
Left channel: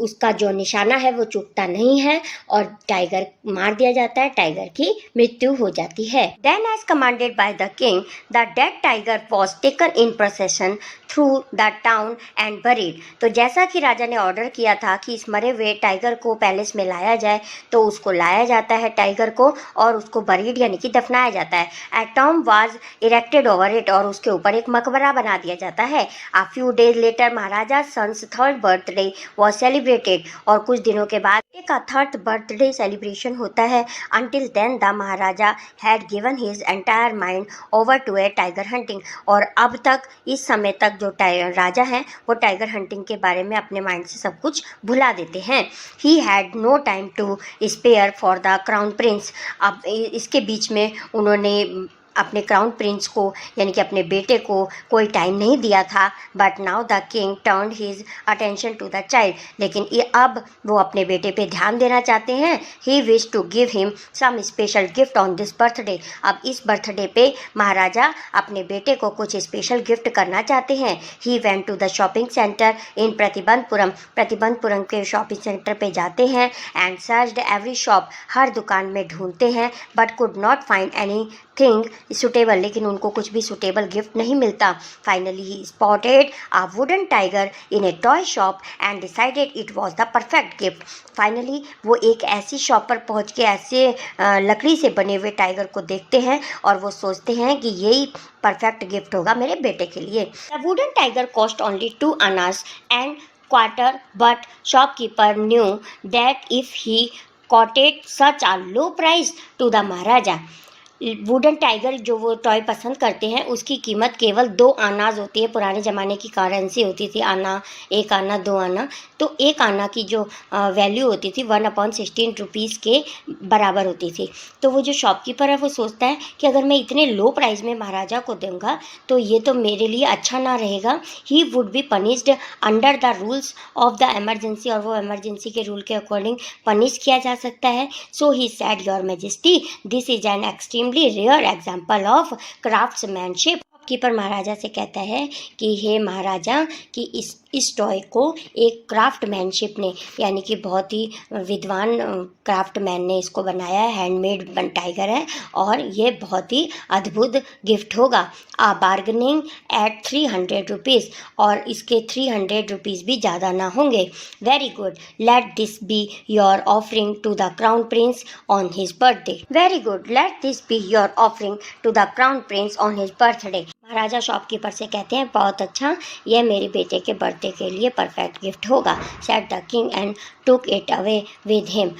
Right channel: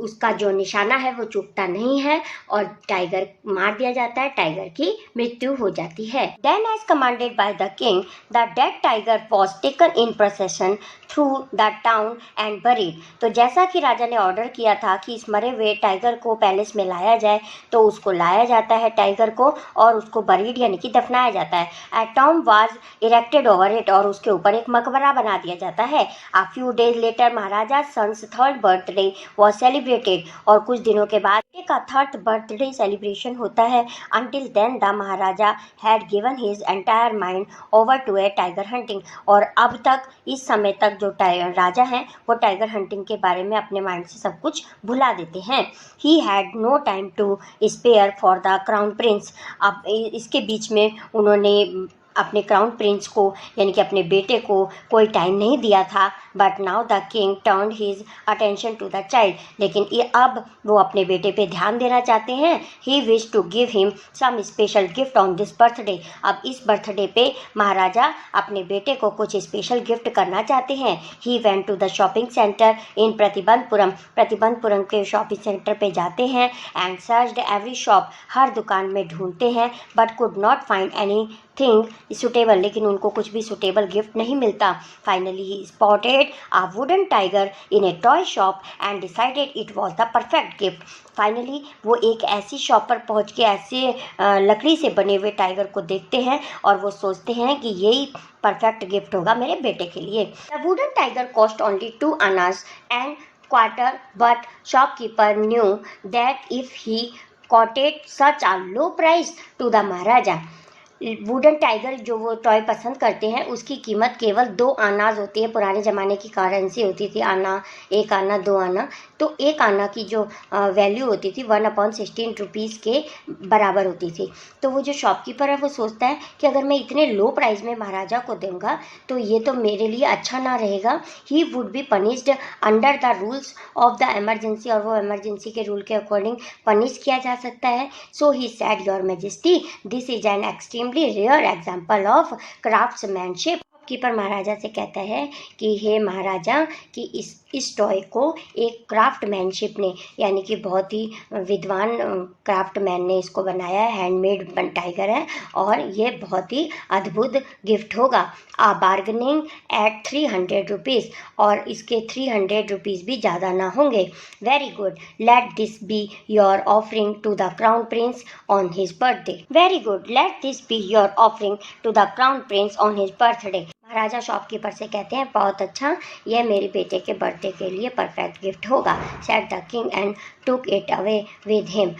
उसका जो निशाना है वो चूकता नहीं है और टाइगर मार दिया जाता है, टाइगर की मृत्यु हो जाती है। Then as commanded by the king, the dead tiger was taken in procession through the town and buried. तो जैसा कि राजा ने ऑर्डर किया था कि इस मरे हुए टाइगर को पैलेस में लाया जाए, तो उसको लाया जाता है टाइगर को, और उसको बरीड यानी कि दफनाया जाता है। A tomb was erected over it, और उसके ऊपर एक मकबरा बना दिया जाता है। A few days later, Maharaja son's 3rd birthday was celebrated, और कुछ दिनों के बाद का 3rd बर्थडे सेलिब्रेशन होता है। Until then, the Maharaja had given his entire mind over to a tiger hunting, और अब तक इस समय तक जो राजा हैं वो टाइगर हंटिंग के बारे में अपने माइंड से सब कुछ भुला देते हैं। He had no time to spare for the crown prince। अब इसके बीच में उन्होंने अपने क्राउन प्रिंस को यानी कि अपने बेटे को कोई टाइम नहीं दिया था। But now the king turn his attention to the child, लेकिन ये अब वो अपने बेटे पे ध्यान देना चाहते हैं। He wish to give him some special gift on this birthday. अब इस बर्थडे पे महाराजा अपने बेटे को कुछ स्पेशल गिफ्ट करना चाहते हैं। He went to the shopping centre in Pratibandapuram के शॉपिंग सेंटर पे जाते हैं। एंड सर्च्ड एवरी शॉप, हर दुकान में ढूंढते हैं, but could not find anything suitable, लेकिन उनको कुछ भी सुटेबल गिफ्ट नहीं मिलता। Finally he spotted a wooden tiger in a toy shop and decided it was the perfect gift. Finally वो एक ऐसी शॉप पर पहुंच के ऐसे लकड़ी से बने हुए टाइगर को देखते हैं और वो सोचते हैं कि यही परफेक्ट गिफ्ट होगा मेरे बेटे के लिए। The wooden tiger cost only 2 annas and quarter, but shopkeeper knew that if he quoted such a low price to the maharaja. Wooden tiger जो वो टॉय पसंद करते हैं उसकी कीमत केवल 2 आनाज होती है। पुराने ज़माने की करेंसी होती थी आना, 1 आना, 2 आना। तो 1 आना की जो वैल्यू होती थी 1/16 रुपीज़ के बराबर होती थी। तो वो जो शॉपकीपर है वो सोचता है कि अगर मैं इतने लो प्राइस में महाराजा को दूंगा तो ये तो मेरे लिए अच्छा ना रहेगा। He would be punished under the rules of the emergency, और वो एमरजेंसी के रूल के अकॉर्डिंग पनिश किया जा सकता है। So he said, your majesty, this is an extremely rare example of craftsmanship. Keeper maharaja से कहता है कि हे महाराजा, कि इस टॉय को एक क्राफ्टमैनशिप ने यानी कि बहुत ही विद्वान क्राफ्टमैन ने इसको बनाया है। हैंडमेड टाइगर है और ये बहुत ही अद्भुत गिफ्ट होगा। आ बार्गनिंग एट 300 रुपीज़, और इसके 300 रुपीज़ भी ज़्यादा ना होंगे। Very good, let this be your offering to the crown prince on his birthday. Very good, let this be your offering to the crown prince on his birthday. महाराजा shopkeeper से कहते हैं बहुत अच्छा, यह मेरे बेटे के बर्थडे के लिए परफेक्ट गिफ्ट होगा। Said the king and took it away with him.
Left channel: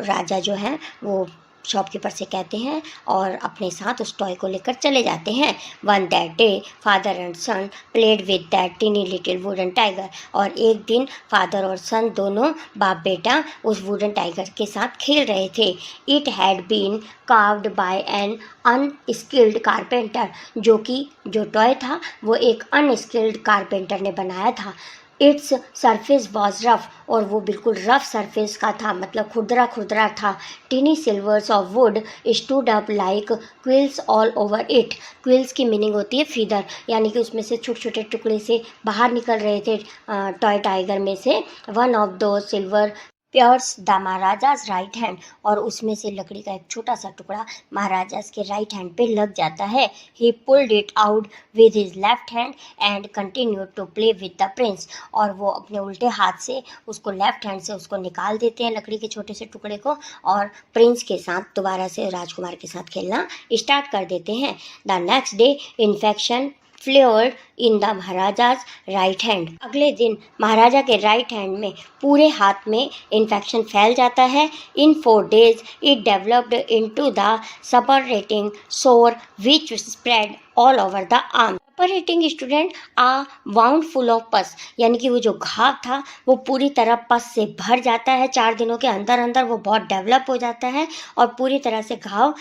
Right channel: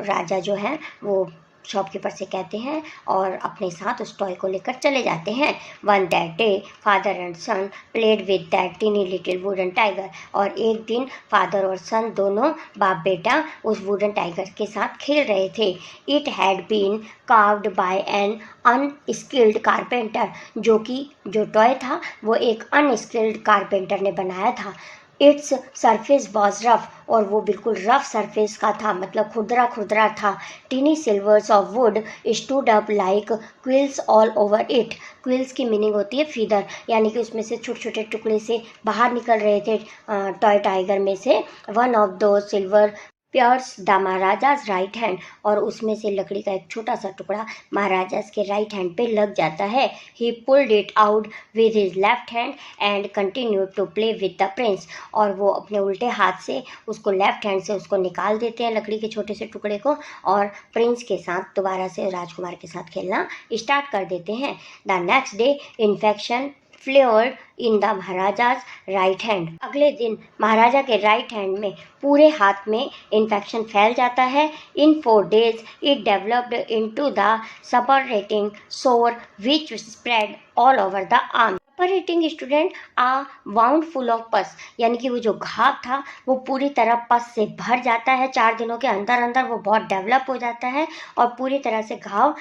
राजा जो है वो शॉपकीपर से कहते हैं और अपने साथ उस टॉय को लेकर चले जाते हैं। On that day father and son played with that tiny little wooden tiger, और एक दिन फादर और सन दोनों बाप बेटा उस वुडन टाइगर के साथ खेल रहे थे। It had been carved by an unskilled carpenter, जो टॉय था वो एक अनस्किल्ड कारपेंटर ने बनाया था। इट्स सरफेस वॉज रफ, और वो बिल्कुल रफ सरफेस का था, मतलब खुरदरा खुरदरा था। Tiny slivers of wood stood up like quills all over it. Quills की मीनिंग होती है फीदर, यानी कि उसमें से छोटे छोटे टुकड़े से बाहर निकल रहे थे टॉय टाइगर में से। वन ऑफ दो silver प्यर्स the maharaja's right hand, और उसमें से लकड़ी का एक छोटा सा टुकड़ा महाराजाज के राइट हैंड पे लग जाता है. He pulled it out with his left hand and continued to play with the prince, और वो अपने उल्टे हाथ से उसको लेफ्ट हैंड से उसको निकाल देते हैं लकड़ी के छोटे से टुकड़े को, और प्रिंस के साथ दोबारा से राजकुमार के साथ खेलना स्टार्ट कर देते हैं. The next day infection flavoured in the maharaja's right hand. अगले दिन महाराजा के राइट हैंड में पूरे हाथ में इन्फेक्शन फैल जाता है. In 4 days it developed into the suppurating sore which spread all over the arm. Suppurating student a wound full of pus, यानी कि वो जो घाव था वो पूरी तरह पस से भर जाता है. 4 दिनों के अंदर अंदर वो बहुत डेवलप हो जाता है और पूरी तरह से घाव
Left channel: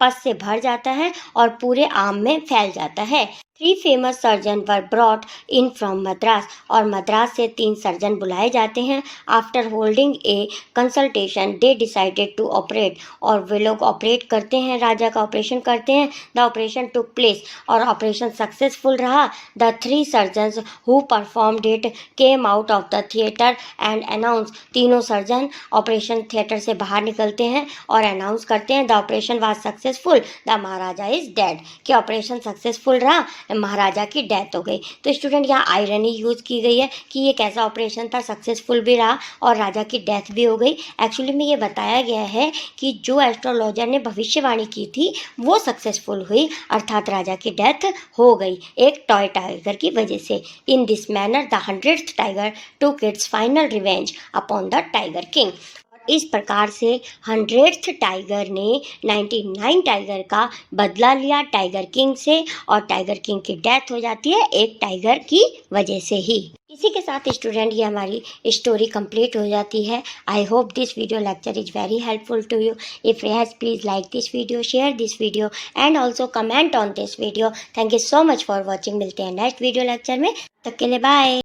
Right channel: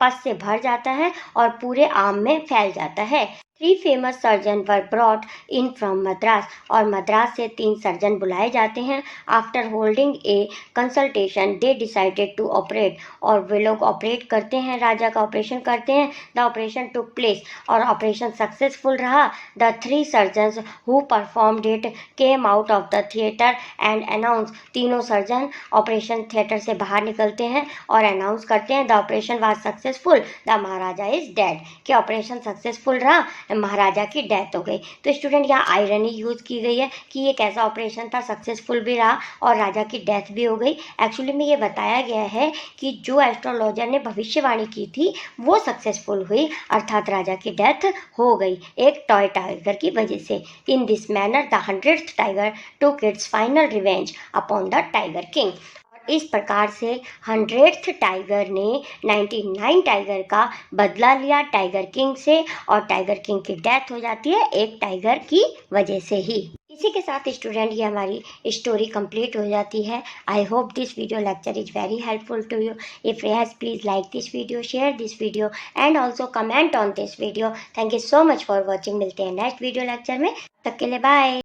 पस से भर जाता है और पूरे आर्म में फैल जाता है. 3 famous surgeons were brought in from Madras, और मद्रास से 3 सर्जन बुलाए जाते हैं. After holding a consultation they decided to operate, और वे लोग ऑपरेट करते हैं, राजा का ऑपरेशन करते हैं. द ऑपरेशन टुक प्लेस, और ऑपरेशन सक्सेसफुल रहा. The 3 surgeons who performed it came out of the theatre and announce, तीनों सर्जन ऑपरेशन थिएटर से बाहर निकलते हैं और अनाउंस करते हैं the operation was successful, the Maharaja is dead, कि ऑपरेशन सक्सेसफुल रहा, महाराजा की डेथ हो गई. तो स्टूडेंट यहाँ आयरनी यूज की गई है कि ये कैसा ऑपरेशन था, सक्सेसफुल भी रहा और राजा की डेथ भी हो गई. एक्चुअली में ये बताया गया है कि जो एस्ट्रोलॉजर ने भविष्यवाणी की थी वो सक्सेसफुल हुई, अर्थात राजा की डेथ हो गई एक टॉय टाइगर की वजह से. इन this manner the 100th tiger took its final revenge upon the tiger king. इस प्रकार से 100th टाइगर ने 99 टाइगर का बदला लिया टाइगर किंग से, और टाइगर किंग की डेथ हो जाती है एक टाइगर की वजह से ही. इसी के साथ स्टूडेंट ये हमारी स्टोरी कंप्लीट हो जाती है. I hope this video lecture is very helpful to you. If yes, please like this video, share this video and also comment on this video. Thank you so much for watching. मिलते हैं next video lecture में, तब तक के लिए bye.